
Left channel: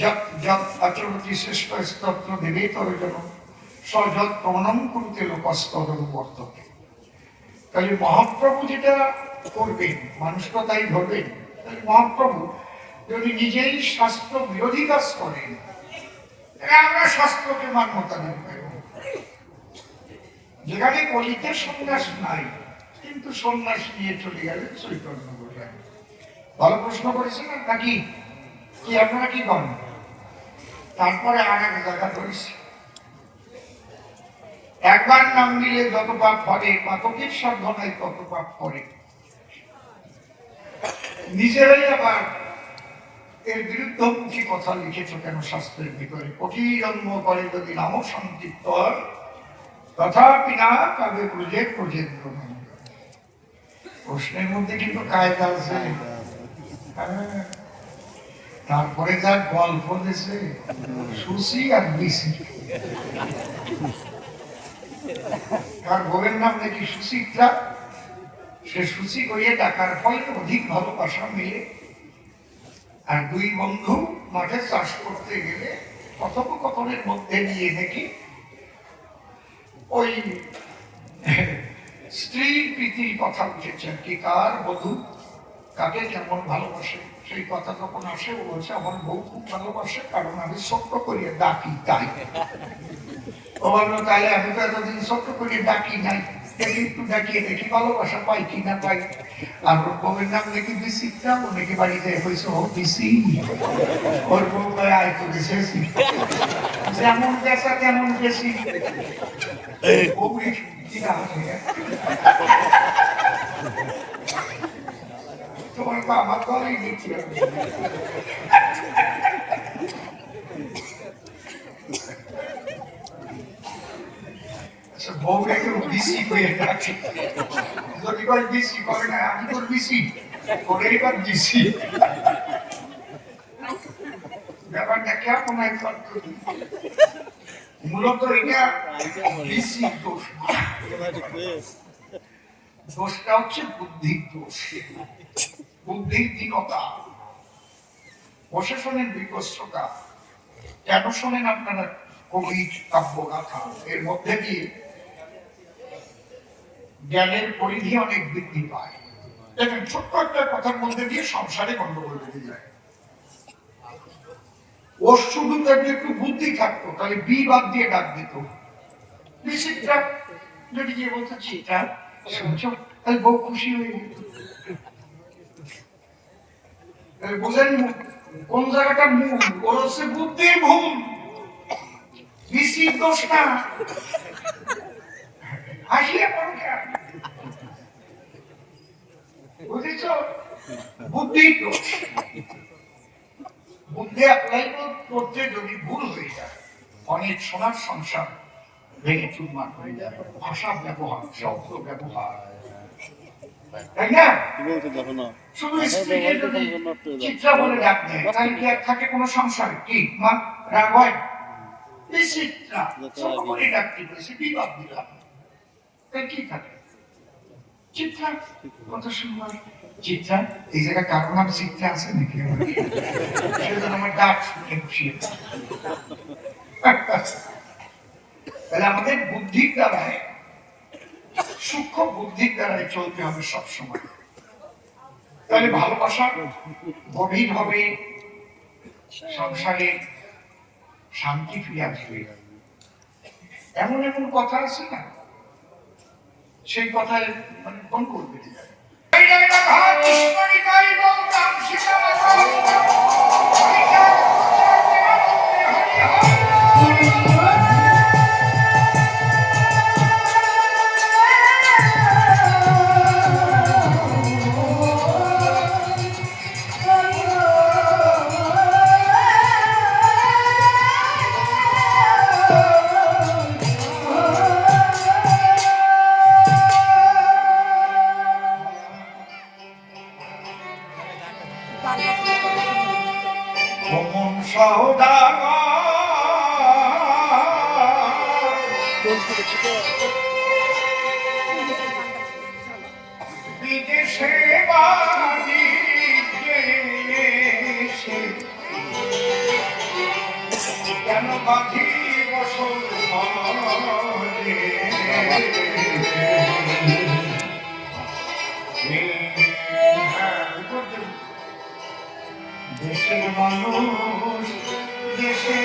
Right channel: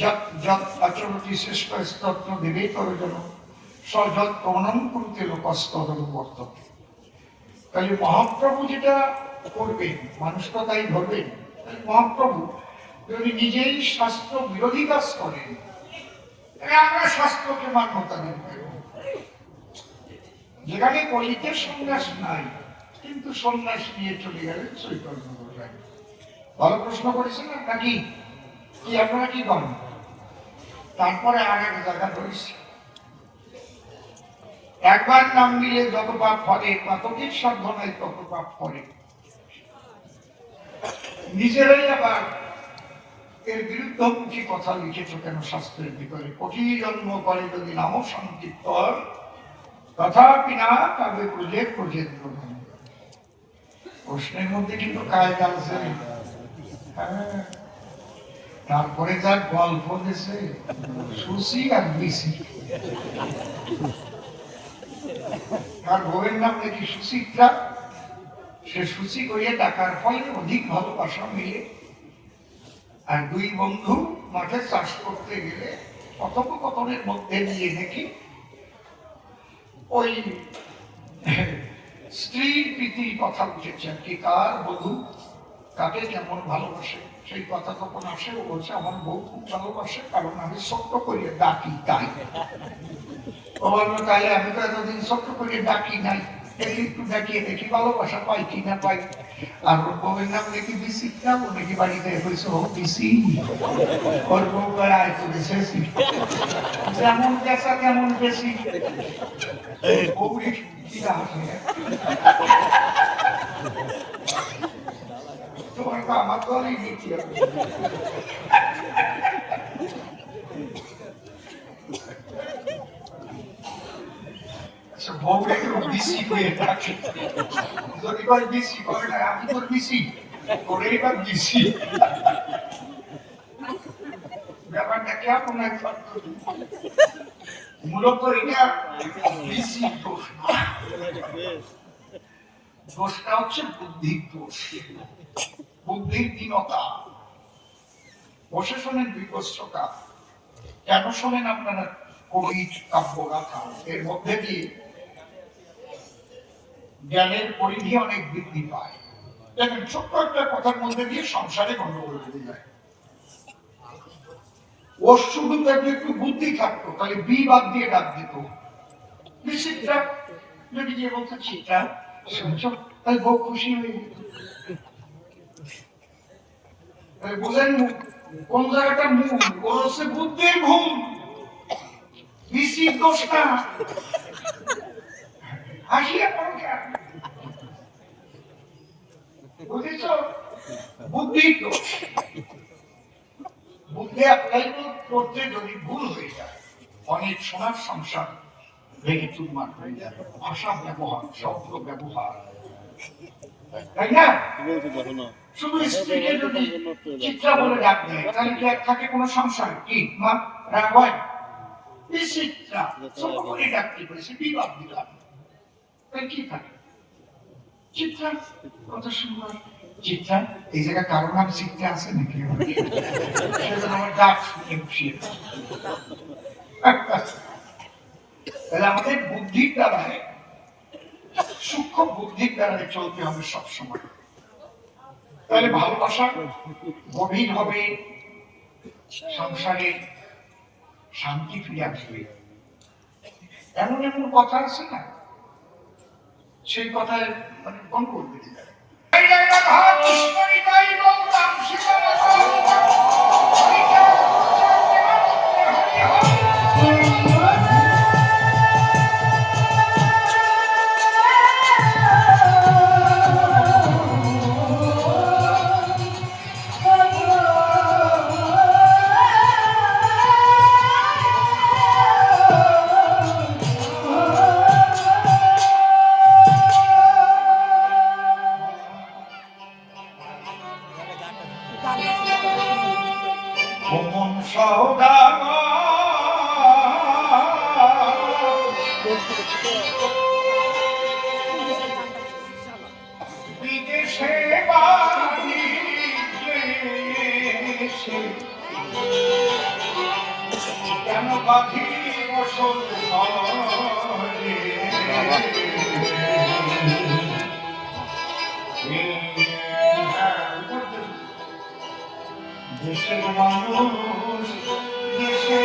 যত যত আচরতি শ্রেষ্ঠ স্তত্র দেবেতর জন সযৎ প্রণম করতে লোকস্তরণ বর্ততে। তাহলে মহাপ্রভু যেটা করবেন, মানুষ তো তাই ধরবেন। তাহলে মহাপ্রভু যদি নিজেই শাস্ত্র বিরোধী কাজ করেন, আমরা শাস্ত্রকে মান্যতা দেব। যেখানে কলিতে সন্ন্যাস নাই, কিন্তু সন্ন্যাস নিয়ে চলে গেলেন চৈতন্য বললেন। ভালো প্রশ্ন করেছেন নাকি? কি আপনারা কি করেন? তারপরে আর এক জায়গা ধরেছি, একবার নাম দিলে যত পাপ করে, পাতকের সাধনায় তত পাপ করে। নিজেরাই আবার এর বিরুদ্ধমুখী কথা লিখেছ কেন শাস্ত্রের ভিতরে? কোটি জন্ম করে যদি নাম সংক্ষিপ্ত তথাপি না তবে বুঝে প্রজেন্দ্র। প্রশ্নের মধ্যে কিন্তু কায়দা আছে। তারপরে যার গল্প দিয়েছে সুসি আর বিসি, তার বউয়ের নাম নাকি সুচিত্রা। সে সুচি করিয়ে টাকার ফলে অধিক ভালোবাসা মিলে, আর 2 বন্ধু মাঠে চাষ করতে গেলে কথোপকথনের মধ্যে নিয়ে নাকি ওই স্ত্রীর প্রীতির কথা উঠেছে আর কি, কার বধূ কাকে কেমন ভালোবাসে সেই কথা যখন আসে, ও বলছে আমার বউ খুব ভালোবাসে, কারণ আমি ছোট্ট করিয়ে ডাকি তাই। ও বললো তাহলে আমি তো এতদিন ছোট্ট করিয়ে ডাকি নাই, একটু ডাকিয়ে দেখি ভালোবাসা পাই কি না পাই। আর ওর বউয়ের নাম নাকি বিচিত্রা, ও নাকি বাড়িতে হয়েছে ও বিসি। ওর বউ আয় তো বেশি, যেমন বেচা তেমন বেশি। তোমার তো আমার ঘরেই দেখি। বউরে কেউ বিসি হয়ে থাকে, যদি কয় বিসি করে না, আমি তোর বিসি করে, এবার বিসি ব্যাপারটা কেমন একবার মূলত এটা বিসি দোষ না, দোষটা হচ্ছে বুদ্ধির দোষ, বুদ্ধির দীনতা, প্রশাসনের বিপস্ততা। কেন শোনেন আপনারা কবির কাব্যগাথা, এর মধ্যে দিয়ে জ্ঞানের পরিধি অনেক বৃদ্ধি পায়। দেখেন ছোট্ট একটা কথার মধ্যে দিয়ে সংসারে গন্ডগোল বেড়ে যায়। ওর শুধু যদি একটু বুদ্ধি থাকতো তাহলে বি বাদ দিয়ে ডাক দিত, নিশ্চিতটা যদি গিয়ে বলতো চিটা শুনছো, তাহলে বউ খুশি হয়ে যেত। বোঝেন কোন জায়গাটা মূল, ওর হচ্ছে বুদ্ধির ভুল, বিসির দোষ না। হাসিয়ে পড়ো কেন? বুঝেছ? বুদ্ধির দোষ। বুদ্ধি অ্যাপ্লাই করতে যদি ভুল হয়ে যায়, অনেক সোনার সংসার ভেঙে চুরমার হয়ে যায়। ভাষা ব্যবহার, শব্দ ব্যবহার, তাই না? শুধু স্ত্রীকে যদি চিত্রা বলে ডাক দেয়, তাহলে কি আর থাকে কোনো সংসার? কি মা রাগ হয়? এই চিত্রা ছোট করে ডাকতে বলেছে, বিবাদ দিলাম, তাই কি থাকে? চিত্রা কত সুন্দর। চিত্রা, এই জায়গায় কারো নাম চিত্রা আছে নাকি? সেজন্য আমার ডাক শুনে বসিয়ে। তাহলে আমাদের বুদ্ধির দ্বারায়, সূক্ষ্ম বুদ্ধির দ্বারায় চলতে হবে সবসময়। তাহলে ভালোবাসা গভীর হবে, সংসারে শান্তি ফিরে আসবে। এমন এমন কথা আছে না, সেই কথায় মানে কোন করবে যায়। বিদেশে কেন বাঁধি দেশের মানুষ দেশে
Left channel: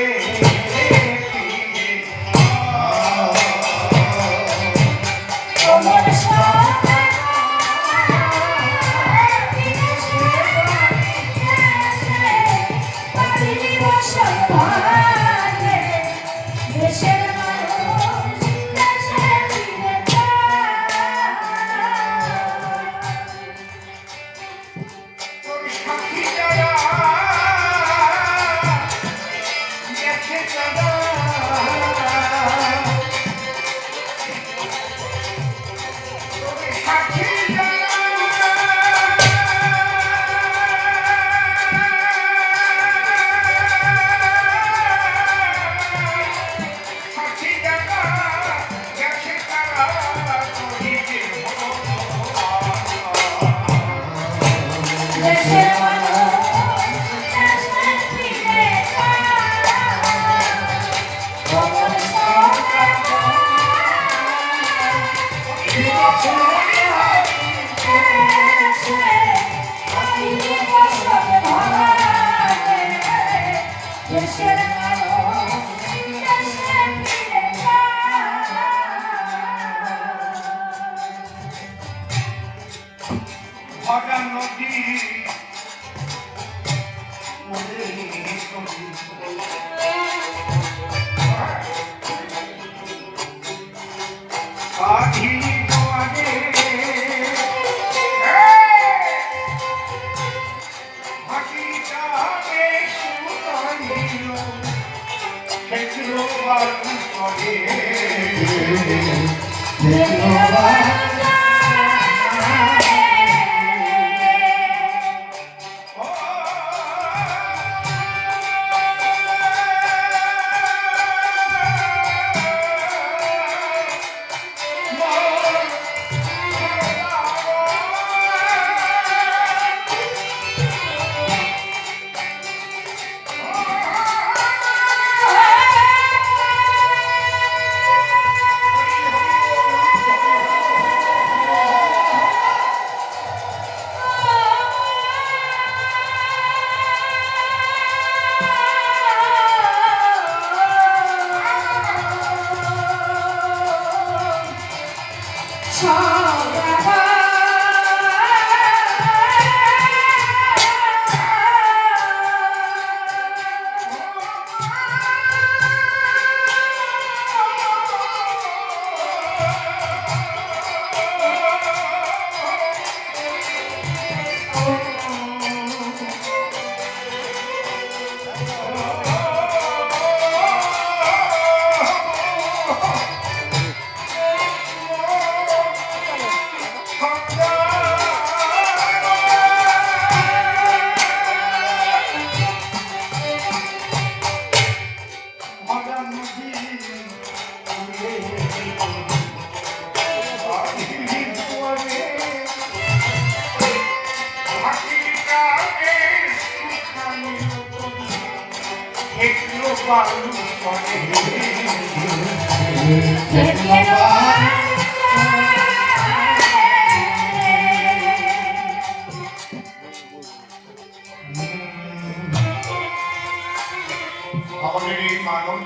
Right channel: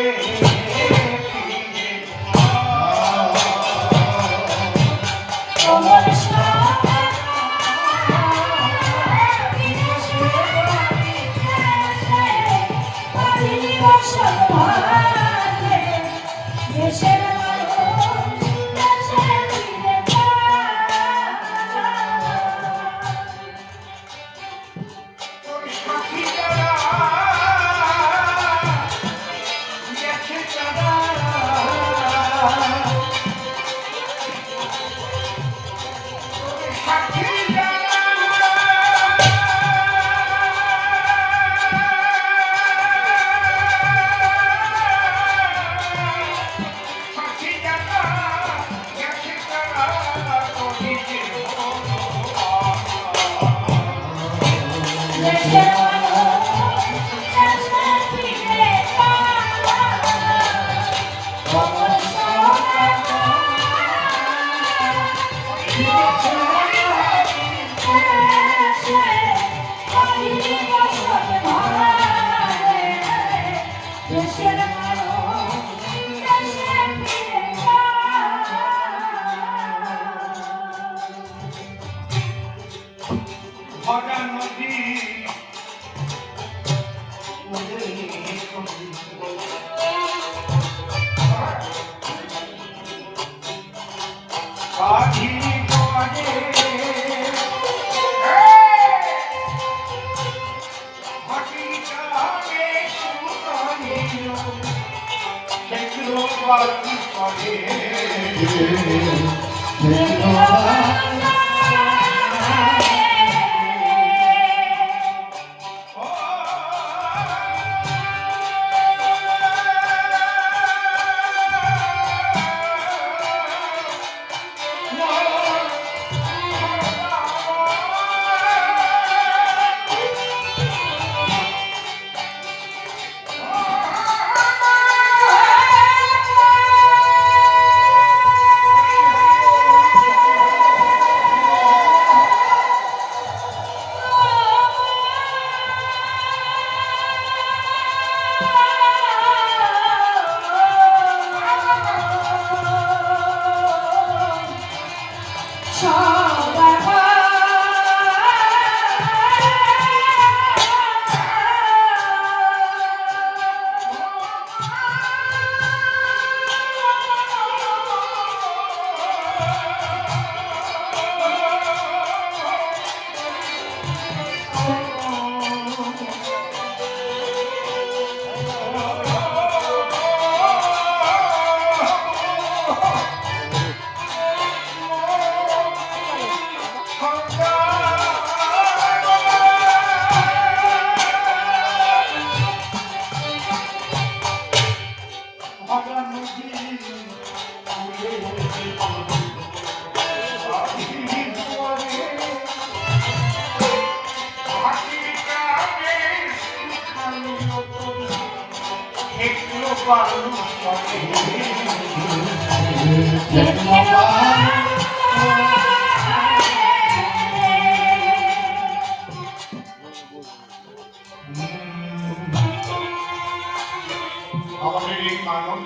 আমাদের এই মানব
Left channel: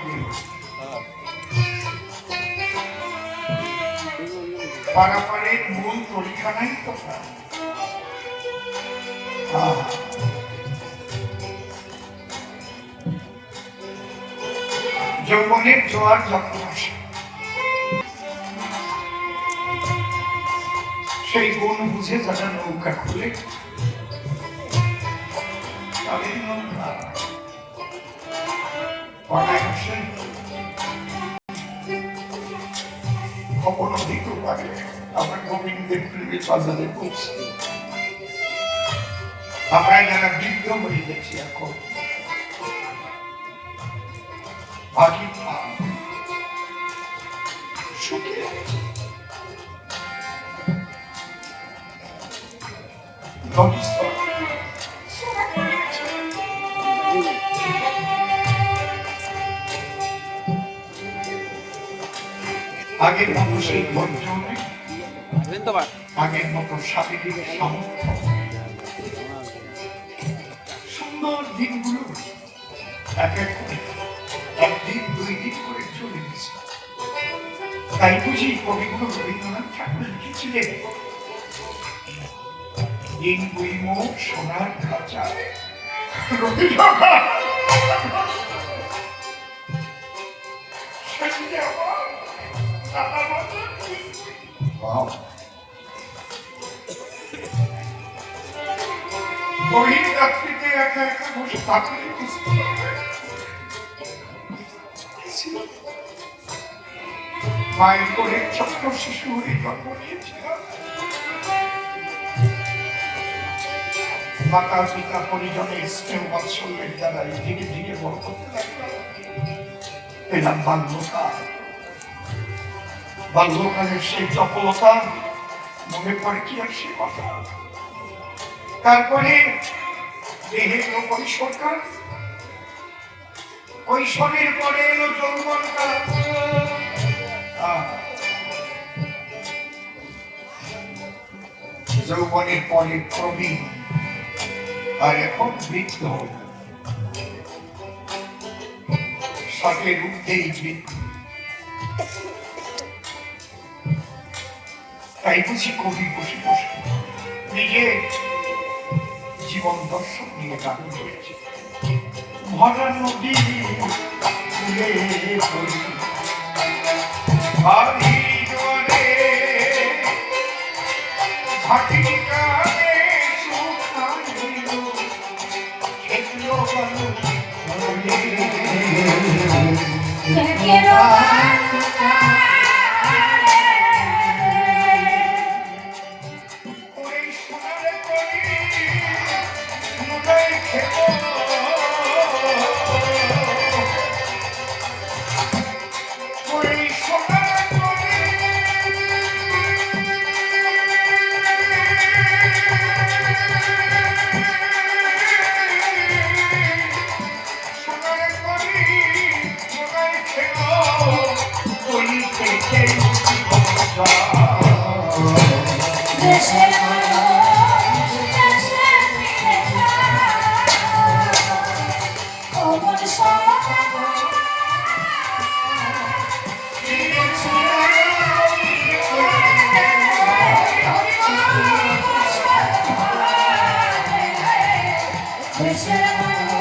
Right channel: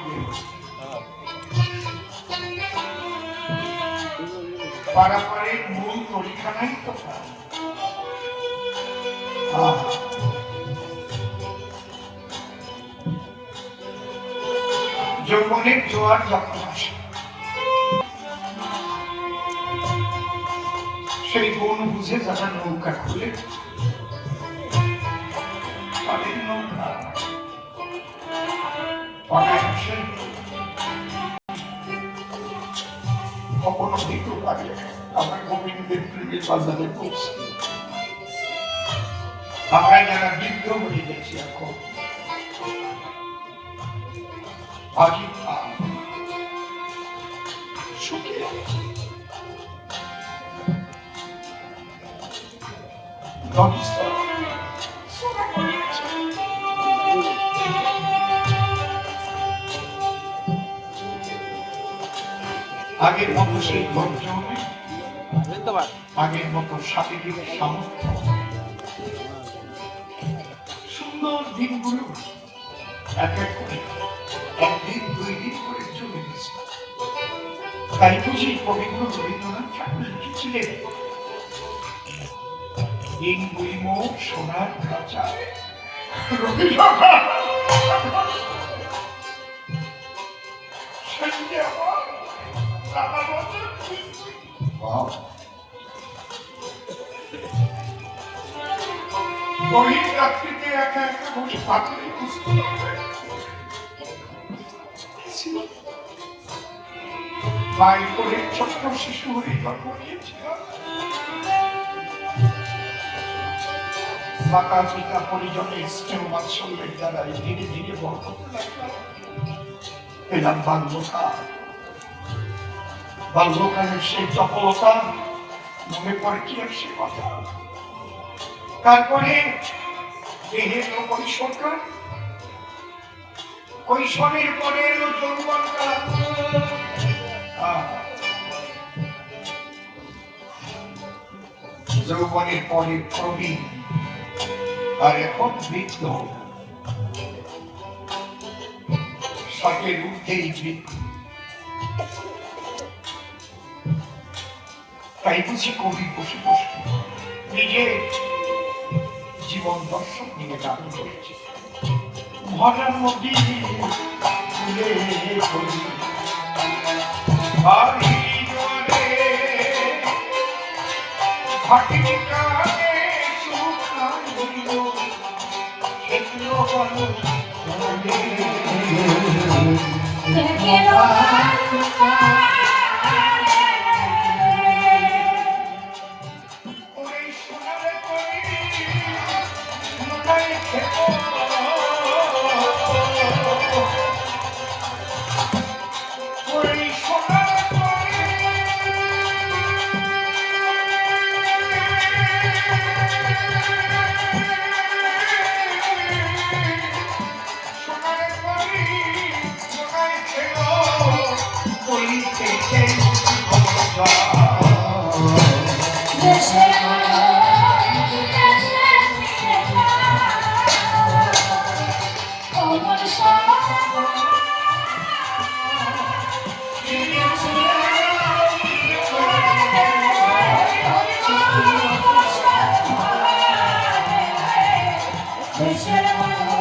পারাপারের মূল পরীক্ষানাই কোথায়? যৌবনের জোয়ার যখন আসে, সেই কোন বুঝে যারা নৌকা খুলে তাদের নৌকা অনায়াসে কখনো দিতে পারে। আমরা গোবিন্দের প্রেমে বাজারে পৌঁছে, আমরা যারা বৃদ্ধ হয়ে গেছি এখন আগে সুখে আছি। আগের মতো সেই ধৈর্য নেই, আগের মতো শারীরিক সামর্থ্য। সুন্দর দিনগুলো এক এক করে একদিন দুই দিন করে চলে গেছে। তাই বুঝি কবিগুলো রবীন্দ্রনাথ ঠাকুর লিখেছিলেন, দিন বইম সোনার খাঁচায়। গভীর রাত্রিতে একা একা বসে কাপড়ে বুঝতে মায়ের করে ছোট্ট শিশু হয়ে জন্ম নিয়েছিলাম। মাতা পিতা পরিজনের স্নেহ বাৎসল্যের দ্বারা ধীরে ধীরে বড় করতে লাগলাম। এলাম বাল্যকাল। বাল্যকালের সেই চপলতা মনে পড়ে কি আর সে কথা। তারপরে দেহে এলো কৈশোরকাল, কৈশোরের পরে এলো যৌবনকাল। যৌবনের পরে প্রবীণ, আর এখন বৃদ্ধ। ষাটের ঊর্ধ্বেই বৃদ্ধ। তাই বুঝি কবি বসে বসে নিজের জীবন দর্শন নিয়ে গান করেছে। ভরা নদী দেশের মানুষ দেশের প্রিয় অমর দেশের মানুষ দেশের প্রিয়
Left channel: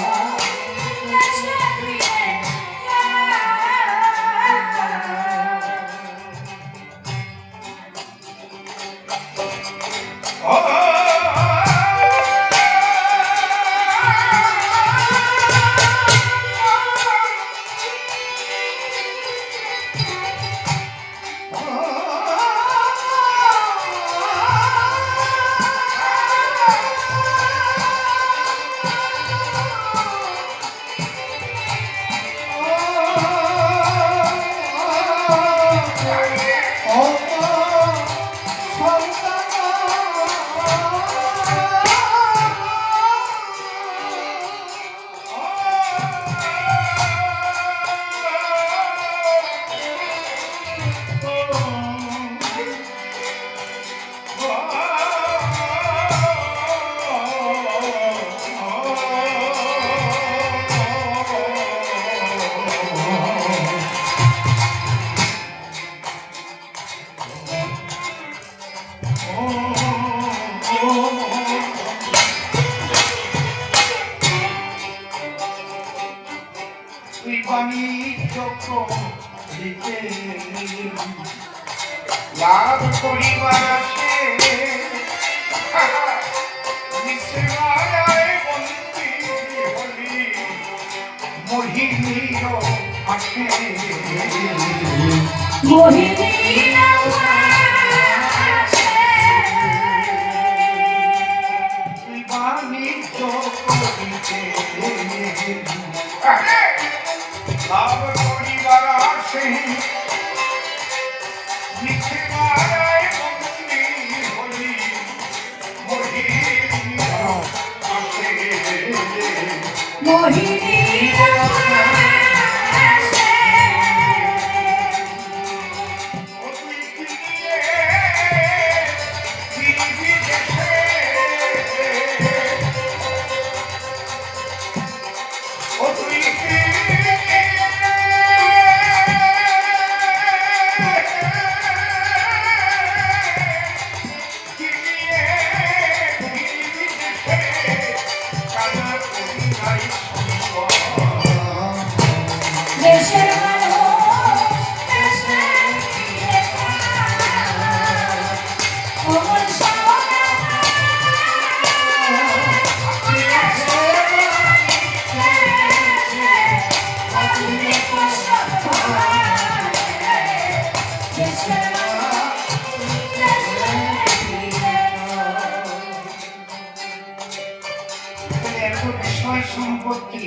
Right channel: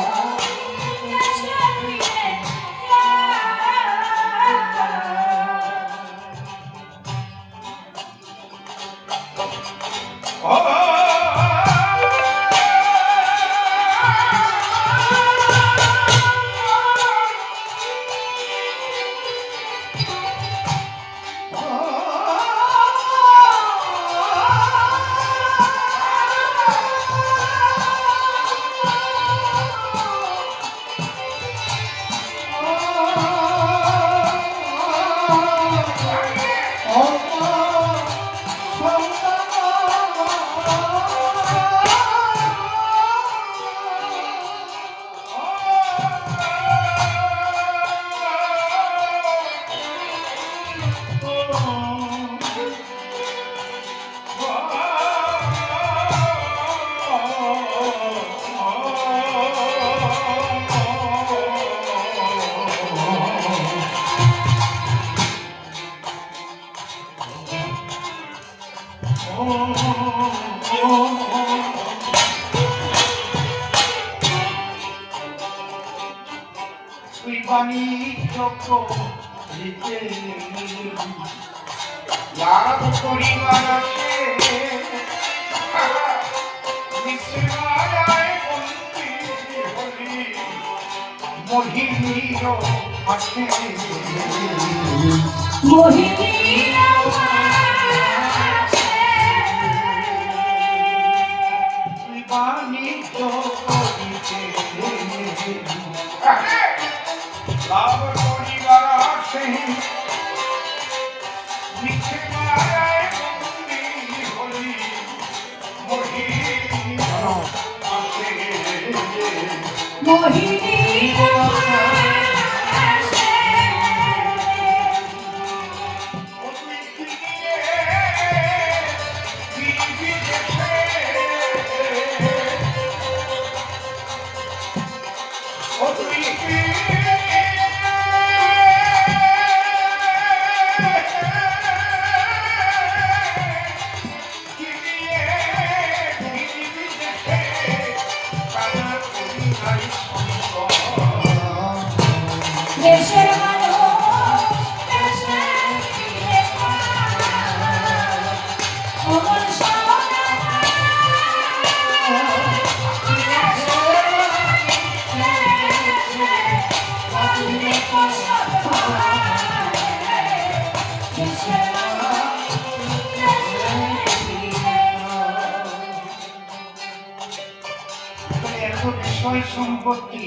তুই বাণিজ্য দিতে লাভ করিবার আসে নিঃস্বায় বন্দি হলি মোহিনীর আসে তুই বাণিজ্য করিতে লাভ করিবার আসে নিচে মারায় বন্দি হলি মোহিনীর আসে দেশের মানুষ দেশের প্রিয় অমর এত বিষয় সম্পত্তি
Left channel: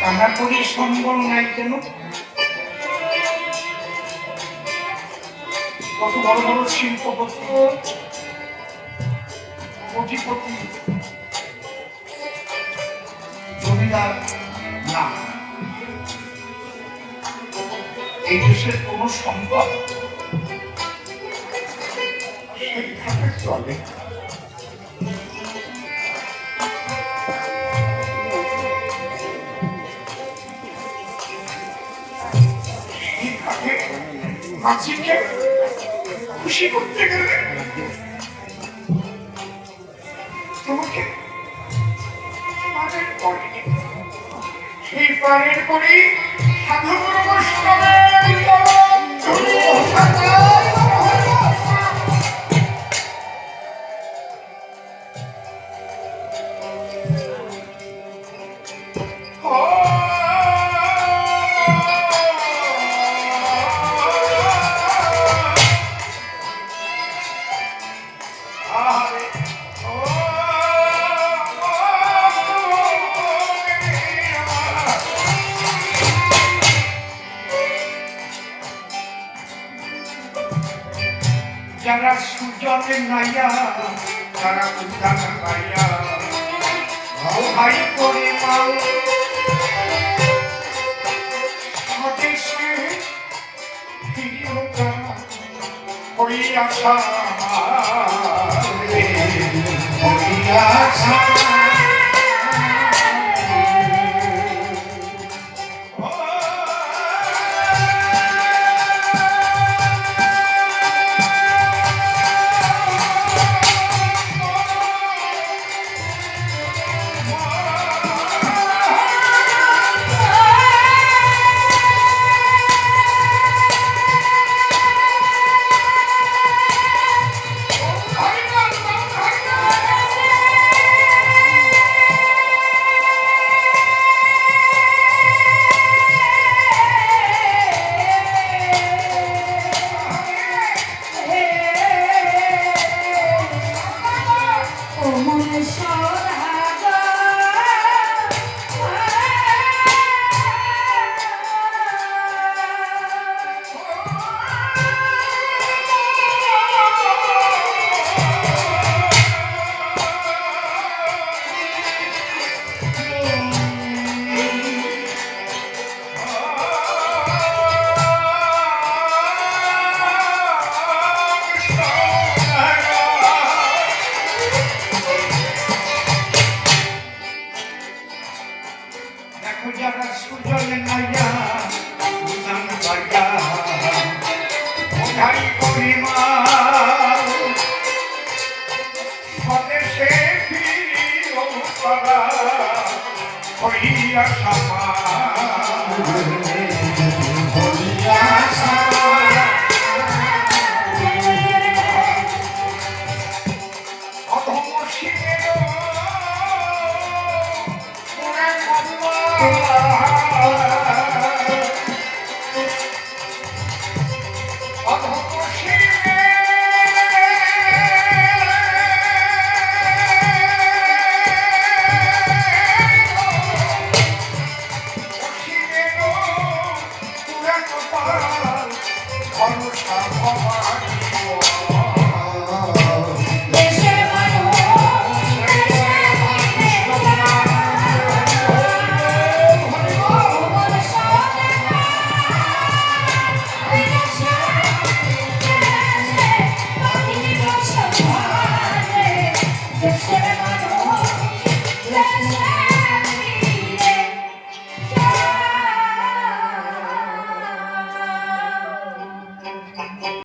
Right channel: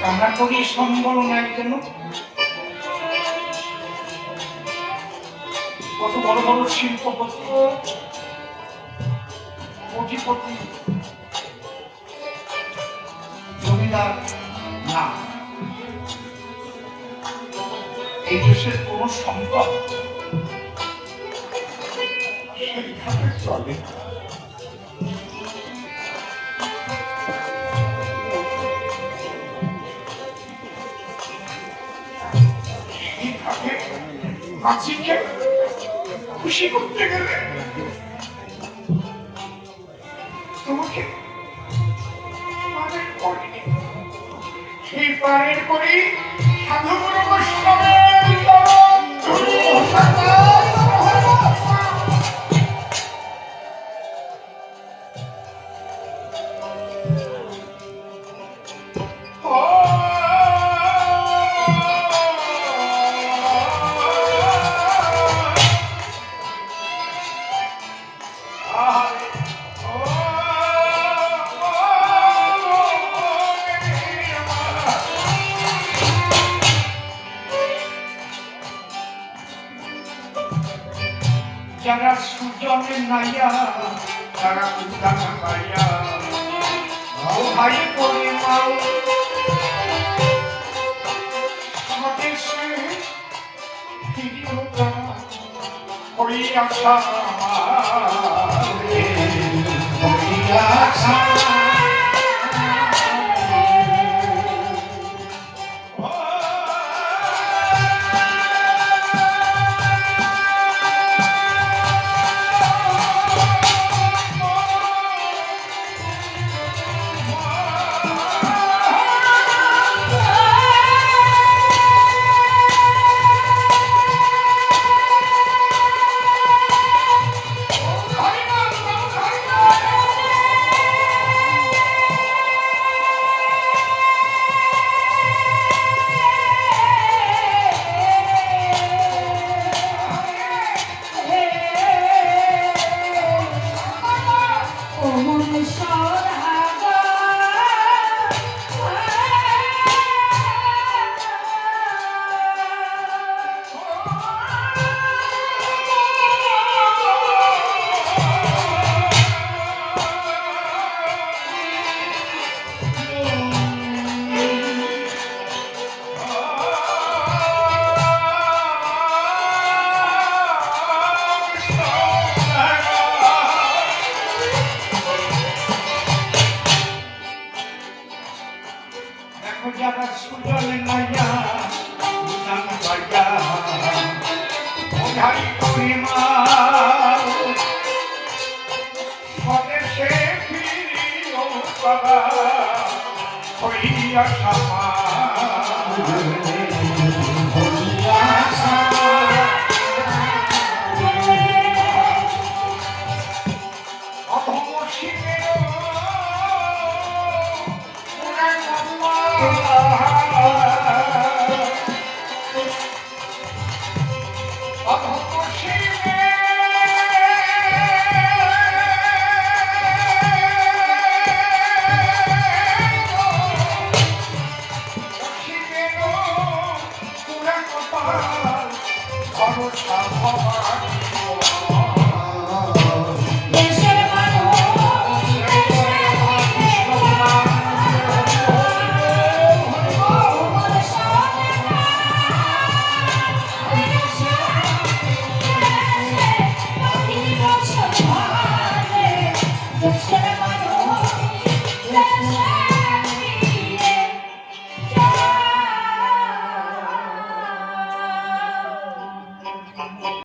কানা করি সম্বল নাই কেন? কত বড় বড় শিল্পপতি কোটিপতি জমিদার না, এই দেশের কোন সম্পদ সেইভাবে চলে। মাঝিকে খুশি করতে গেলে তোমাকে পারের করি, সেই পারের করি সাধুগুরু বৈষ্ণবের যারা সুজনে নাইয়া তারা উদ্যান পাইয়া ভাই পরিমাণ স্বদেশ আশা ওই আশা যারা সুজল নয়া নাম বাজা ওঠাই পরিমা স্বদেশে ফিরিও তারা হইয়া সামা